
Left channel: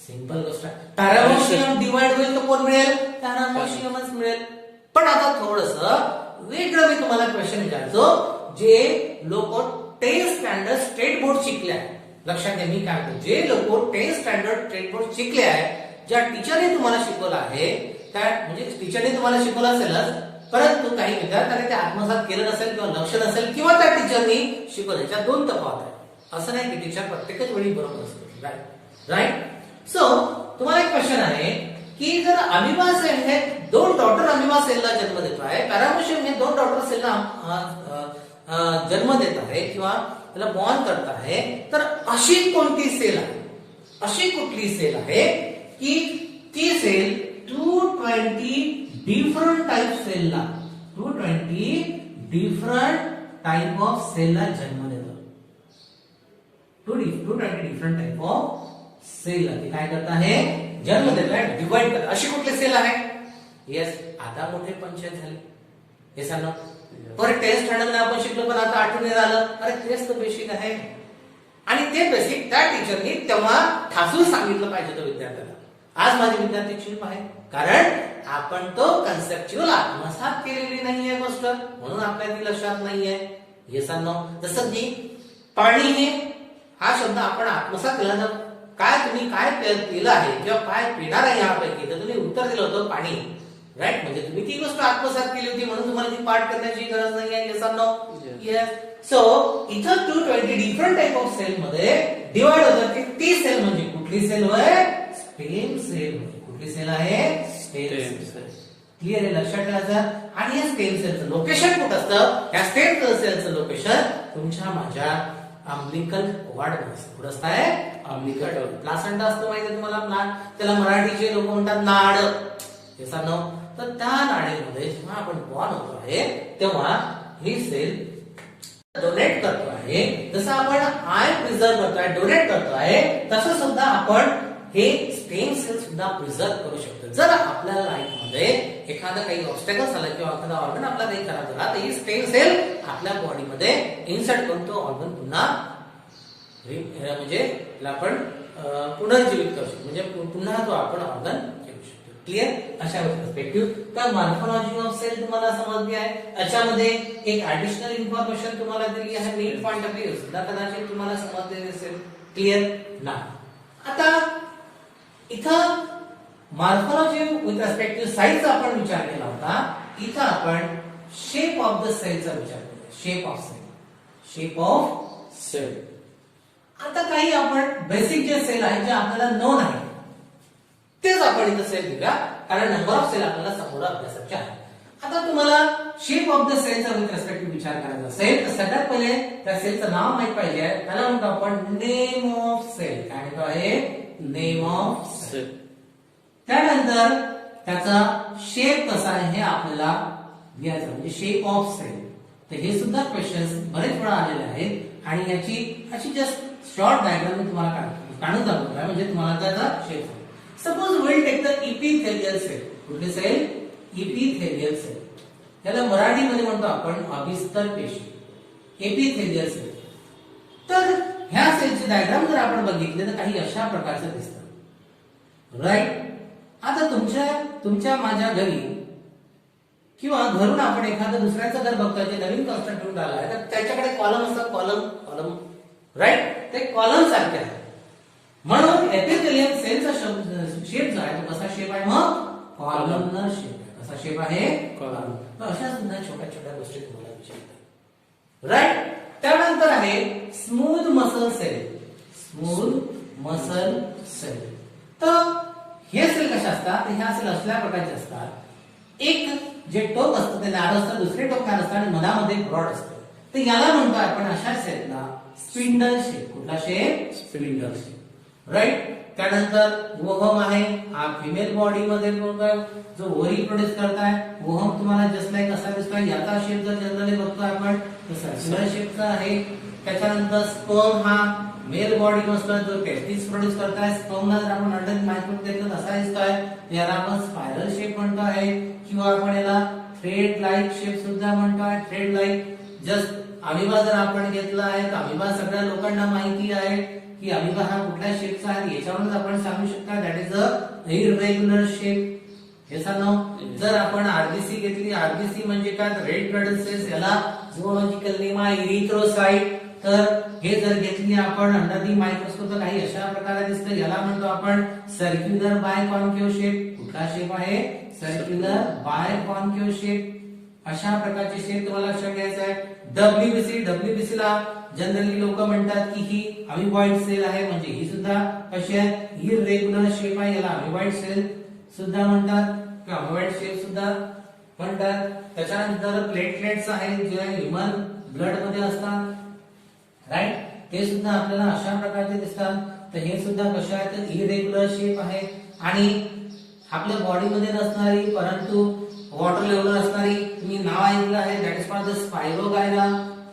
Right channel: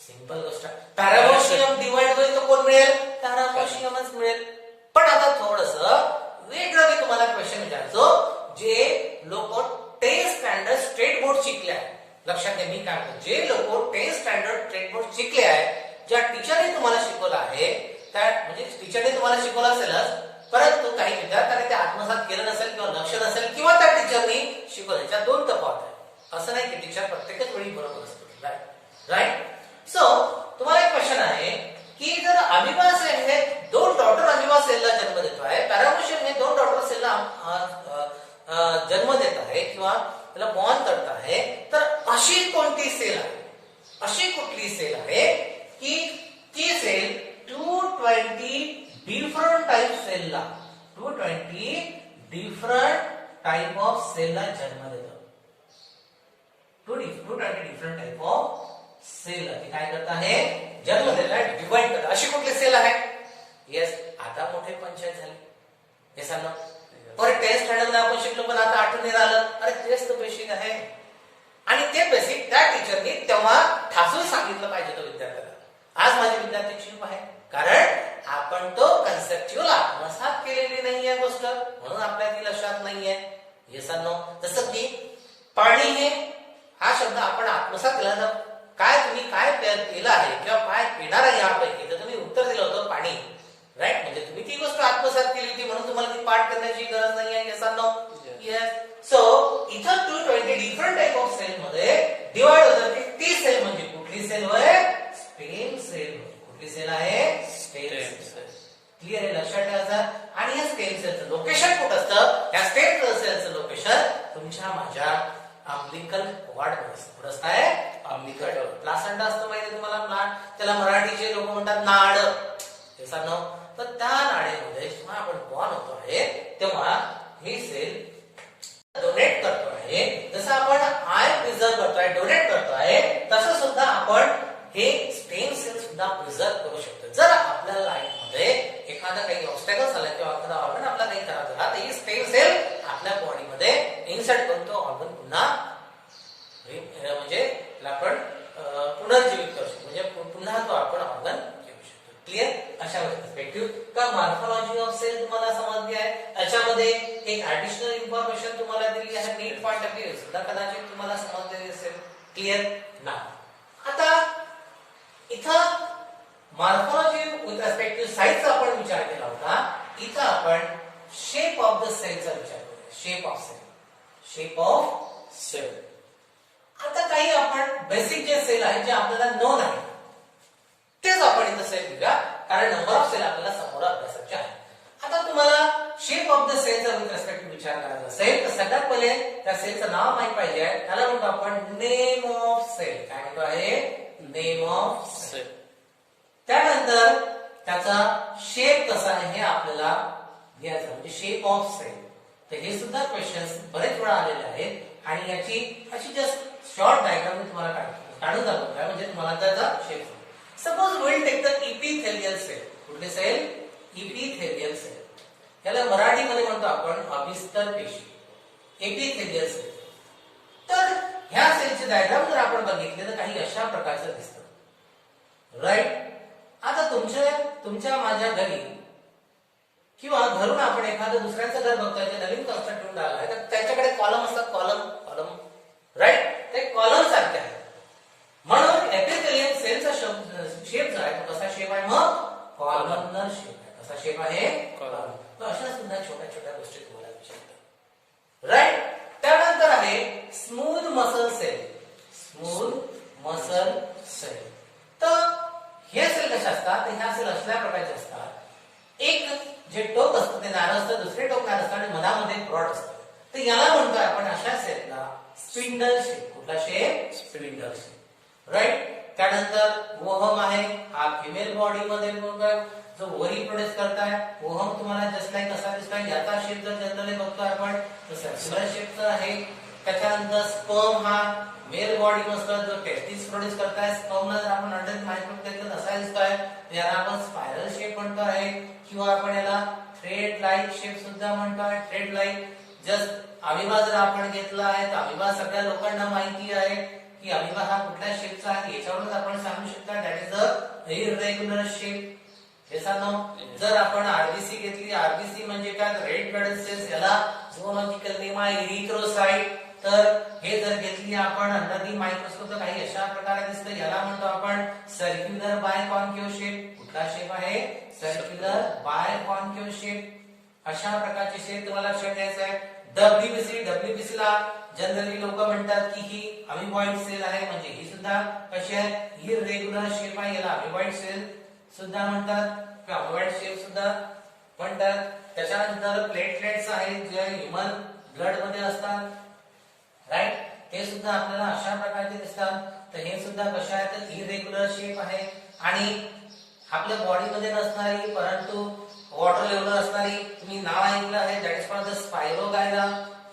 सिंपल गोष्ट. पॅरामोशियम डिवाइड होईल तर कोण मिळेल? पॅरामोशियमच मिळेल. पण आता थोडंसं वेगळं मी तुम्हाला क्वेश्चन विचारतो. जे लोक 10 स्टँडर्ड स्टेट बोर्ड शिकले आहे, लक्षात घ्या मी काय म्हणतो, जे लोक 10 स्टँडर्ड स्टेट बोर्ड शिकले आहे, ज्या टीचरने तुम्हाला शिकवलं आहे त्या म्हणजे टीचरने तुम्हाला शिकवलं असेलच परंतु काही विद्यार्थ्यांनी ते आत्मसात केलं नसेल किंवा लक्ष नसेल किंवा त्या टीचरनी शिकवलं. याच्यात दोन तफावत आहे. असं नाही की टीचर प्रत्येकच वेळी बरोबर असतो. राईट? सो तुम्हाला एक क्वेश्चन आहे की जर अमिबा सेल हे 2 डॉटर अमिबा सेलला जन्म देतो आहे, पॅरामेशियम हे 2 डॉटर सेलला जन्म देत आहे किंवा त्याला बॉर्न करत आहे, तर अशी कोणती सेल आहे, अशी कुठली सेल आहे की ती sale 220 different type सेलला 220 different type of सेलला जन्म देतो. 220 डिफरंट टाइप ऑफ सेल ती काय करत आहे, जन्म देत आहे, डिवाइड करत. अशी कुठली सेल आहे? येस, आता मोठी पंचायत झाली. येस ना, पर टेस्ट स्टँडर्डला आपण शिकलो, पण आता आठवण आलं, अरे तेच तर बेसिक आहे. आणि ते बेसिक त्या टीचरनी तेव्हा ठासून सांगितलं पाहिजे तो विद्यार्थ्याला. आज माझे विद्यार्थी चूप आहे, कारण आपण तो कन्सेप्च्युअल आत्मसात केलेली नाहीये गोष्ट, म्हणून आपल्या ती लक्षात नाहीये. येस नो, जसं की पाणी हे हा शब्द आपण आत्मसात केला तर काय तुम्ही काय केलं आहे किंवा काय पिणार आहे यापैकी, तर तुम्ही उत्तर दिलं होतं पाणी, राईट. म्हणजे तुम्ही ती गोष्ट आत्मसात केली होती, म्हणून तुम्हाला ती पाठ करण्याची गरज नाही आहे. Yes no, yes. सो इथं 220 डिफरंट टाइप ऑफ सेल मध्ये डिवाइड होतात की ती सेल म्हणजे कुठली सेल होय, स्टेम सेल. कुठली सेल आहे, स्टेम सेल. क्लिअर आहे, लक्षात ठेवायचं. आणि या स्टेम सेलचं लोकेशन कुठं असतं, या स्टेम सेलचं लोकेशन तुमच्या माझ्या अम्बिलिकल कॉर्ड मध्ये. कुठं असतं, अम्बिलिकल प्लासेंटा असतो माहिती आहे तुम्हाला, प्लांट, त्याला मराठीचे लोक म्हणतात नाड. हे सांगू, तर त्या नाडीमध्ये जेव्हा आपण बॉर्न होतो आहे तेव्हा ही सेल डोनेट करतो आहे. जसं आपण आय प्रिझर्व करतोय, डोनेट करतो आहे, तसं सुद्धा आपण हे स्टेम सेल सुद्धा प्रिझर्व करू शकतो. जर आपल्या लाईफ मध्ये एखादा काही ऑब्स्टॅकल झाला किंवा एखादा ऑर्गन आपला काही खराब झाला, तर ही स्टेम सेल आपल्या बॉडीमध्ये इन्सर्ट करून तो ऑर्गन पुन्हा म्हणजे आपण पुनर्जीवित करू शकतो, म्हणजे पुन्हा तो आपण ऑर्गन घेऊ शकतो. क्लिअर? अशा पर्स्पेक्टिव्ह का मॉर्फोलॉजी ऑफ सेल तुम्हाला समजली आहे. याच्यामध्ये एक ऍडिशनल इन्फॉर्मेशन तुम्हाला दिली आहे, नीट पॉइंट ऑफ व्ह्यू सुद्धा कदाचित तुम्हाला समजलेली असेल. क्लिअर ना? आता इथं मॉर्फोलॉजी विथ रेस्पेक्ट टू साईजचा आपण विचार केला होता, इथं आपण शेप ऑफ द सेलचा विचार करूया. Shape of cell, shape of cell. आता काही आपण बेसिक जे सेल आहे जे आपल्याला नोन आहे तेच आपण इथं सेल दिला, कारण नंबर ऑफ सेल आपल्याला समोर अभ्यासाचे आहे. आता तुम्हाला शेप ऑफ द सेलचा विथ रेस्पेक्ट टू विचार करायचा असेल तर सगळ्यात पहिले त्या सेलचं नाव माहित पाहिजे. त्याला म्हणतो आपण नेम ऑफ सेल. काय म्हणतो आहे? Name of cell. त्यानंतर त्याचा शेप कसा आहे हे आपल्याला घ्यायचं, म्हणजे शेप ऑफ सेल. तर हे सुद्धा क्वेश्चन्स बरेच वेळा आलेले आहेत आणि याची अशी जस्ट शॉर्ट डायग्राम मी तुम्हाला काढून दाखवतोय, म्हणजे तुम्हाला त्याचा shape. Suppose will take the epithelial cell. कुठली सेल? Epithelial cell. त्याला मराठीमध्ये म्हणतो आपण अभिस्तर पेशी, एपिथेलियल सेल. तर ह्या सेलचे डायग्राम जर आपण बघितले तर काही अशा प्रकारचं दिसतं, राईट. आता तुमच्या माझ्या घरी किंवा घरून आपण एखादं दुसऱ्याचं घर बघतोय, जे नवीन कन्स्ट्रक्शन झालं आहे, तर त्याच्याकडे कॉलम असतात, कॉलम, राईट. ते कॉलम सारखे आहे. म्हणून एपिथेलियल सेलचा शेप जो आहे तो कसा शेप आहे? मग कॉलमनर शेप आहे. कसा शेप आहे? कॉलम. तर अशा सुद्धा छोट्या छोट्या गोष्टी तुम्हाला विचारतात, राईट. त्यानंतर आहे smooth muscle cell. Smooth muscle cell. तर हे सेल कशा असतात? तर ह्या सेल असल्या प्रकारचे असतात. एक जे टोक असतं ते नारळ असतं, दुसरे टोक नारळ असतं आणि मधामध्ये ब्रॉड असतं. तर याला म्हणतो आपण अशा सेलला स्पिंडल शेप. कुठला शेप? Spindle shape, right. त्यानंतर ओहम आहे, हा फिमेल बॉडी मध्ये जो ओरी प्रोड्यूस करताय. ओहम तुम्हाला जस्ट लाईक कसा दिसतोय, याचा शेप जर जनरली बघतोय आपण तर सर्क्युलर शेपचा आहे. त्याच्यानंतर स्पर्म हा मेल बॉडी मधला जो टेस्टिस प्रोड्यूस करताय, स्पर्म जर आपण अंडर मायक्रोस्कोप घेतलं कसा दिसतोय, याला आपण स्पायरल शेप म्हणतो आहे किंवा आपण याला थ्रेड लाईक शेप सुद्धा म्हणतोय. Thread like. जस्ट अमिबा जर आपण घेतला आहे तर अमिबा सगळ्या लोकांना माहिती आहे की अमिबा हा कुठल्या शेपचा आहे, याच्यावरूनच आपण सांगू शकता that is a irregular shape. हे सांगू. जर आपण आरबीसी घेतली, आरबीसी म्हणजे काय? Red blood cells. याला झूओलॉजिकल नेम आहे इरिथ्रोसाइट. तर हे जर घेतली आपण अंडर दी मायक्रोस्कोप तर काही अशा प्रकारे दिसतं. याला म्हणतो आपण सर्क्युलर बाय कॉन्केव्ह शेप. कुठला शेप आहे? Circular biconcave shape. अशा प्रकारचे शेप तुम्हाला लक्षात घ्यायचा आहे. डब्ल्यूबीसी ला जनरली लोक म्हणतात की ही अमिबॉइड सेल आहे, म्हणजे ही सुद्धा कशी आहे? इररेग्युलर शेप आहे. याला अमिबॉइड सेल सुद्धा म्हणतात, कॉन्व्हेंट शेप सुद्धा म्हणतात. त्याच्यानंतर प्लेटलेट्स आहेत जे ह्युमन ब्लड मध्ये असतात, राईट, ते सुद्धा आपल्याला अशा प्रकारचे दिसतात. तर हे सुद्धा कशा आहेत तर इरेग्युलर शेप आहे. आणि आपल्या बॉडीमध्ये नसणारी परंतु वॉटर लेवलवर असणारी तुम्ही नाव ऐकलं आहे, that is called the spirogyra.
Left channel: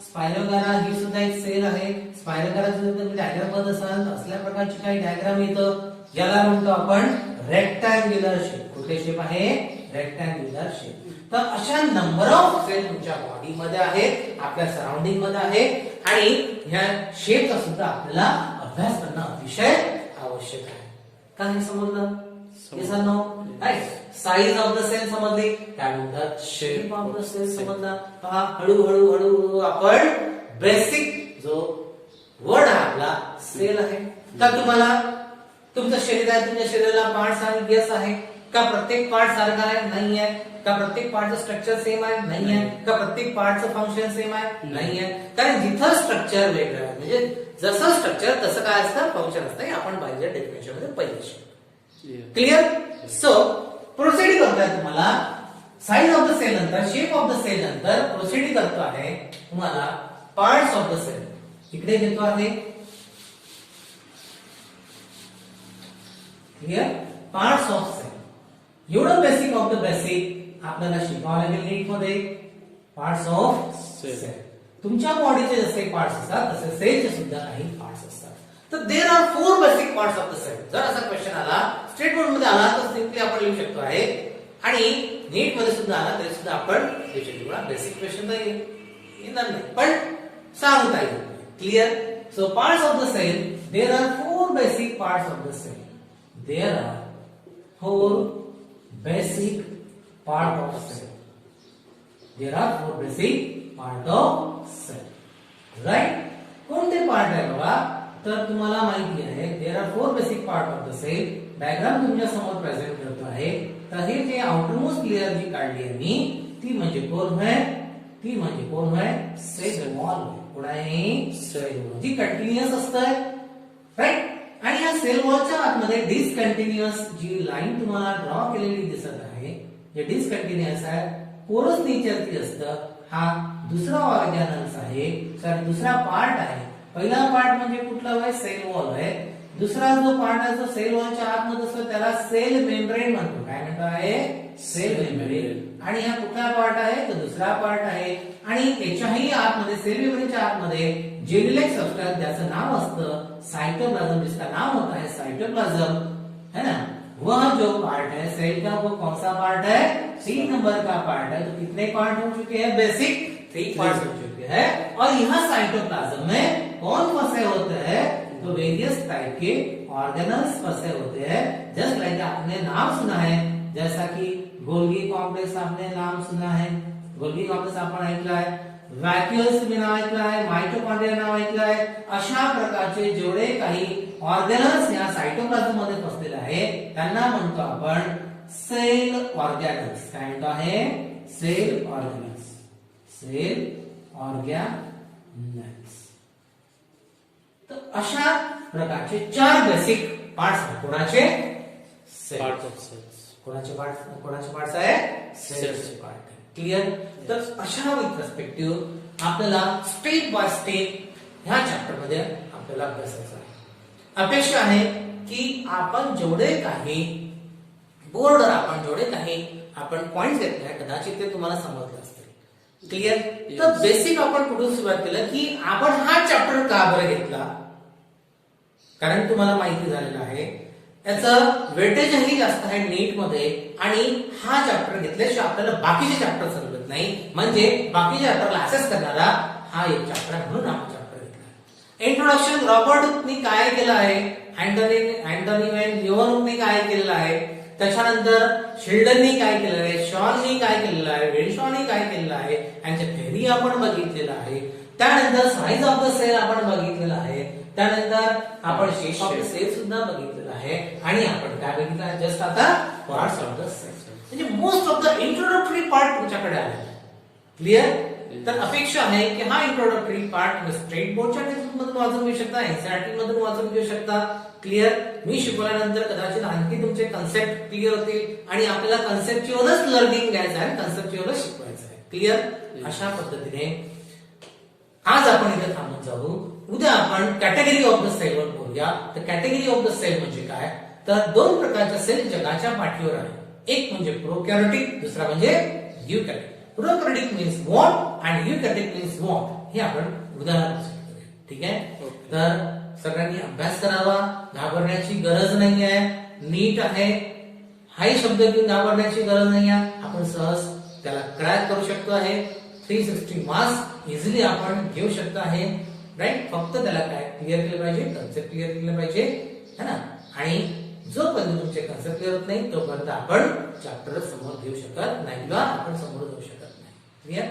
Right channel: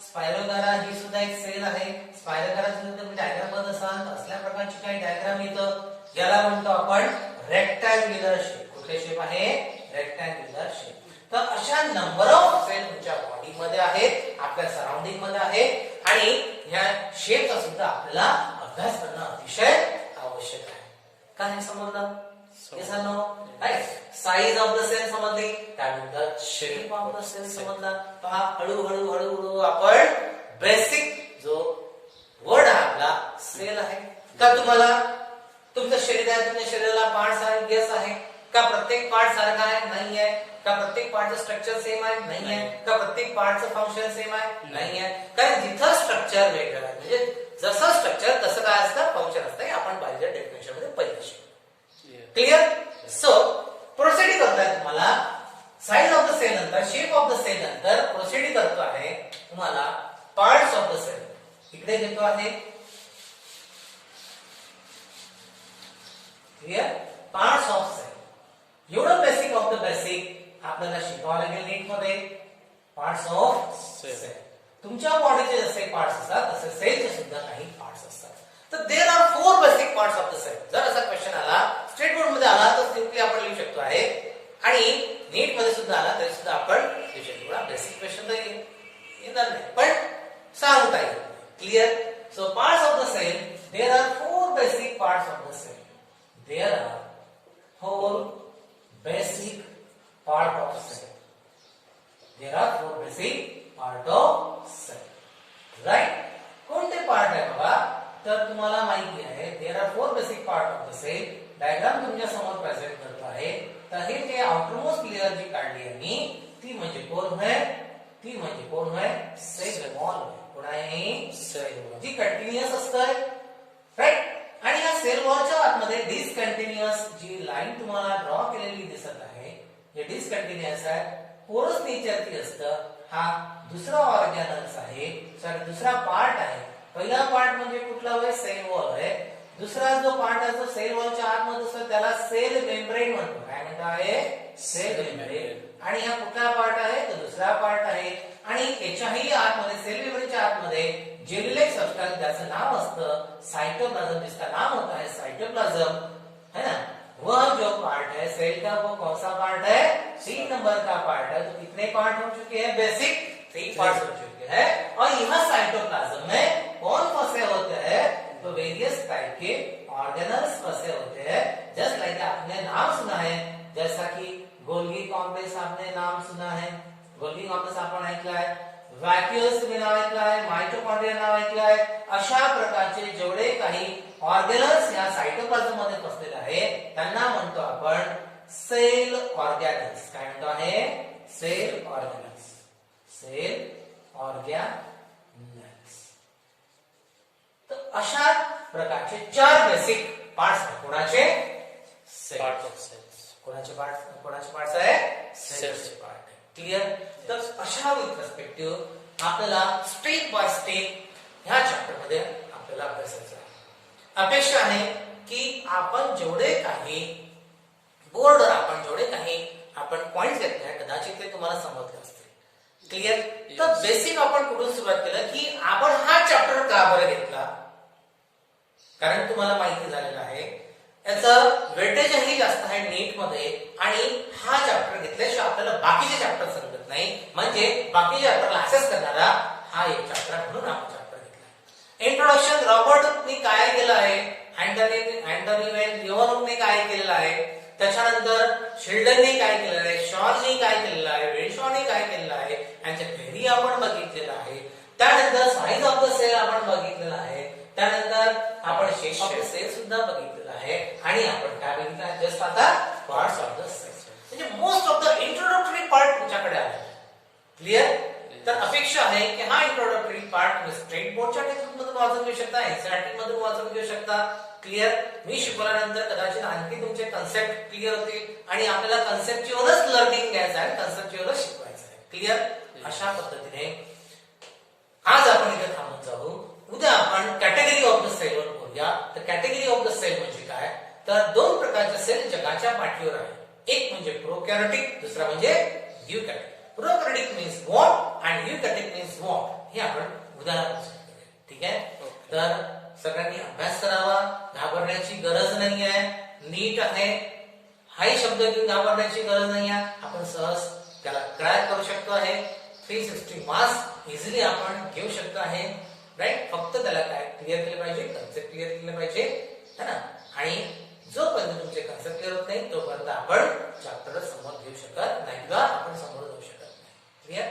Spirogyra ही सुद्धा एक सेल आहे. स्पायरोगायरा सुद्धा तुम्ही डायग्राम बघत असाल, असल्या प्रकारची काही डायग्राम येतं, याला म्हणतो आपण रेक्टँग्युलर शेप. कुठले शेप आहे? Rectangular shape. तर अशा नंबर ऑफ सेल तुमच्या बॉडीमध्ये आहेत, आपल्या सराउंडिंग मध्ये आहेत, आणि ह्या शेपचा सुद्धा आपल्याला अभ्यास करणं अतिशय आवश्यक आहे. काय हे समजलं? साईज ऑफ द सेल समजली, त्यानंतर शेप ऑफ द सेल समजला. पहा, हळूहळू हळूहळू आपण बेसिक जो वर्ड आहे आपला सेल आहे. का तुम्हाला तुमचं शरीर आहे, तुमच्या शरीराला पार्ट्स आहे, येस आहे. का प्रत्येक पार्ट सारखा आहे? नाही आहे. का प्रत्येक पार्टचं स्ट्रक्चर सेम आहे? नाही आहे. का प्रत्येक पार्टचं फंक्शन सेम आहे? नाही आहे. कारण जिथं स्ट्रक्चर वेगळं आहे, म्हणजे जसं स्ट्रक्चर तसं काय असतं, फंक्शन असतं. हे आपण बाहेरच्या डेफिनेशन मध्ये पहिलं. क्लिअर? सो प्रोसिड करताय तुम्हाला साइज ऑफ द सेल नंतर, शेप ऑफ द सेल नंतर प्रोसिड करतो आहे तुम्हाला पार्ट्स ऑफ द सेल. इकडे देतो आहे क्लिअर, पार्ट्स ऑफ सेल. एवढं बेसिक ऑफ द बेसिक आपल्याला शिकावं लागेल नीट मध्ये. Parts of cell. तुमच्या बॉडीचे जसे पार्ट्स असतात तसे सेलचे सुद्धा काही पार्ट्स असतात. तर there are 4 basic parts of the cell. जर असा क्वेश्चन आला, स्टेट बोर्ड मध्ये आला, तर सिंपली आपण लिहू शकतो आहे, आणि नीट मध्ये सुद्धा आला तरी सुद्धा आपण लिहू शकतो. बेसिक क्वेश्चन तर येणार नाही, पण सांगता येईल. Clear? So parts of the cell, there are 4 basic parts of the cell. There are 4 basic part of cell. There are 4 basic part of cell. Right? कोणते पार्ट आहे बाबा? तर तुम्हाला माहिती आहे there are 4 basic part of the cell. Diagram तुमच्या समोर प्रेझेंट करतो आहे. तर हे जे आउटरमोस्ट लेयर जी काढली आहे मी, ती म्हणजे कोण आहे? ती म्हणजे कोण आहे? Cell wall. कोण आहे? सेल वॉल, जी कंटिन्युअस असते, राईट. आणि या सेल वॉलच्या आतमध्ये डिसकंटिन्युअस जी लाईन तुम्हाला ड्रॉ केलेली दिसत आहे, हे डिसकंटिन्युअस आहे, पोरस नेचरची असतं. हा दुसरा ऑर्गॅनल्स आहे, सॉरी दुसरा पार्ट आहे. पहिला पार्ट म्हणजे कुठला आहे? सेल वॉल आहे. दुसरा जो पार्ट आहे तो सेल वॉलच्या आतमध्ये असतो, त्याला सेल मेम्ब्रेन म्हणतो. काय म्हणतो आहे? Cell membrane. आणि हा कुठला पार्ट आहे? तो दुसरा पार्ट आहे. आणि त्याच्याही आतमध्ये, सेल मेम्ब्रेनच्या आतमध्ये जेलिलेक सबस्टन्स, ज्याचं नाव असतं साइटोप्लाज्म, जिसका नाम होता है साइटोप्लाज्म, है ना, वह जो पार्ट है सेल का, वो कौन सा पार्ट है? 3 नंबर का पार्ट है. तो कितने पार्ट हो चुके हैं? बेसिक 3 पार्ट हो चुके हैं. और यह साइटोप्लाज्म में कौन फंसे होते हैं? तो वेरियस टाइप के ऑर्गेनल्स फंसे होते हैं. जस्ट लाइक आपने नाम सुना है, जैसा कि गोल्गी कॉम्प्लेक्स आपने नाम सुना है, गोल्गी कॉम्प्लेक्स आपण ऐकलं आहे, व्हॅक्युअल्स नाव ऐकलं आहे, मायटोकॉन्ड्रिया नाव ऐकलं आहे. अशा प्रकारचे जेवढे काही ऑर्गेनल्स या सायटोप्लाझम मध्ये फसलेले आहे, त्यांना म्हणतो आपण सेल ऑर्गॅनल्स. काय म्हणतो आहे? Cell organelles. Cell organelles. तर अशा प्रकारचे 4 बेसिक पार्ट्स आहेत. कोणाचे? Part of cells. कोणाचे पार्ट्स आहे? सेल्सचे पार्ट. क्लिअर? तर अशा विथ पर्स्पेक्टिव्ह आपल्याला स्टेप बाय स्टेप ह्या चॅप्टर मध्ये आपल्याला अभ्यासायचं आहे. अपेक्षा आहे की आपण जेवढे काही बोर्डवर आपण जेवढे काही आपण पॉइंट घेतले कदाचित ते तुम्हाला समजले असतील. क्लिअर? तर बेसिक आपण कुठून सुरुवात केलं की आपण हा चॅप्टर का बरं घेतला? कारण तुम्हाला माहिती झालेलं आहे याचं वेटेजही जास्त आहे नीट मध्ये, आणि हा चॅप्टर घेतल्याशिवाय आपल्याला बाकीचे चॅप्टर समजत नाही. म्हणजे बाकीच्या चॅप्टरला असेस करणारा हा एक चॅप्टर म्हणून आपण चॅप्टर घेतला. इंट्रोडक्शन रॉबर्ट हुकने काय केलं आहे, अँटोनी वेन लिओनने काय केलेलं आहे, त्याच्यानंतर शिल्डनने काय केलेलं आहे, शॉने काय केलेलं आहे, वेनशॉने काय केलेलं आहे, यांच्या थेअरी आपण बघितलेलं आहे. त्यानंतर साइज ऑफ द सेल आपण बघितलेलं आहे. त्यानंतर आपण शेप ऑफ द सेल सुद्धा बघितलेलं आहे. आणि आपण काय बघितलं आहे जस्ट आता? Parts of the cell. म्हणजे most of the introductory part तुमच्याकडे आलेला आहे. क्लिअर? तर अपेक्षा आहे की हा इंट्रोडक्टरी पार्ट स्टेट बोर्डच्या टेक्स्टबुक मधून वाचून घेऊ शकता, एनसीईआरटी मधून वाचून घेऊ शकता. क्लिअर. मी शिकवल्यानंतर कदाचित आणखी तुमचे कन्सेप्ट क्लिअर होतील आणि आपल्याला कन्सेप्च्युअलच लर्निंग घ्यायचं आहे, कन्सेप्च्युअलच शिकवायचं आहे. क्लिअर. अशा पद्धतीने आज आपण इथे थांबून जाऊ. उद्या आपण कॅटेगरी ऑफ द सेल वर बोलूया. तर कॅटेगरी ऑफ द सेल म्हणजे काय, तर दोन प्रकारच्या सेल जगाच्या पाठीवर आहे. एक म्हणजे प्रोकॅरियोटिक, दुसरा म्हणजे यूकॅरियोटिक. प्रोकॅरियोटिक मीन्स वॉन्ट आणि यूकॅरियोटिक मीन्स वॉन्ट. हे आपण उदाहरणार्थ करूया. ठीक आहे. तर सगळ्यांनी अभ्यास करावा, घाबरण्याची गरज नाही आहे. नीट आहे, हाही शब्द घेऊन घाबरण्याची गरज नाही आहे. आपण सहज त्याला क्रॅक करू शकतो आहे. 360 मार्क्स इझिली आपण घेऊ शकतो आहे. राईट. फक्त त्याला काय क्लिअर केलं पाहिजे, कन्सेप्ट क्लिअर केलं पाहिजे, है ना. आणि जोपर्यंत तुमचे कन्सेप्ट क्लिअर होत नाही तोपर्यंत आपण चॅप्टर समोर घेऊ शकत नाही किंवा आपण समोर जाऊ शकत नाही. क्लिअर.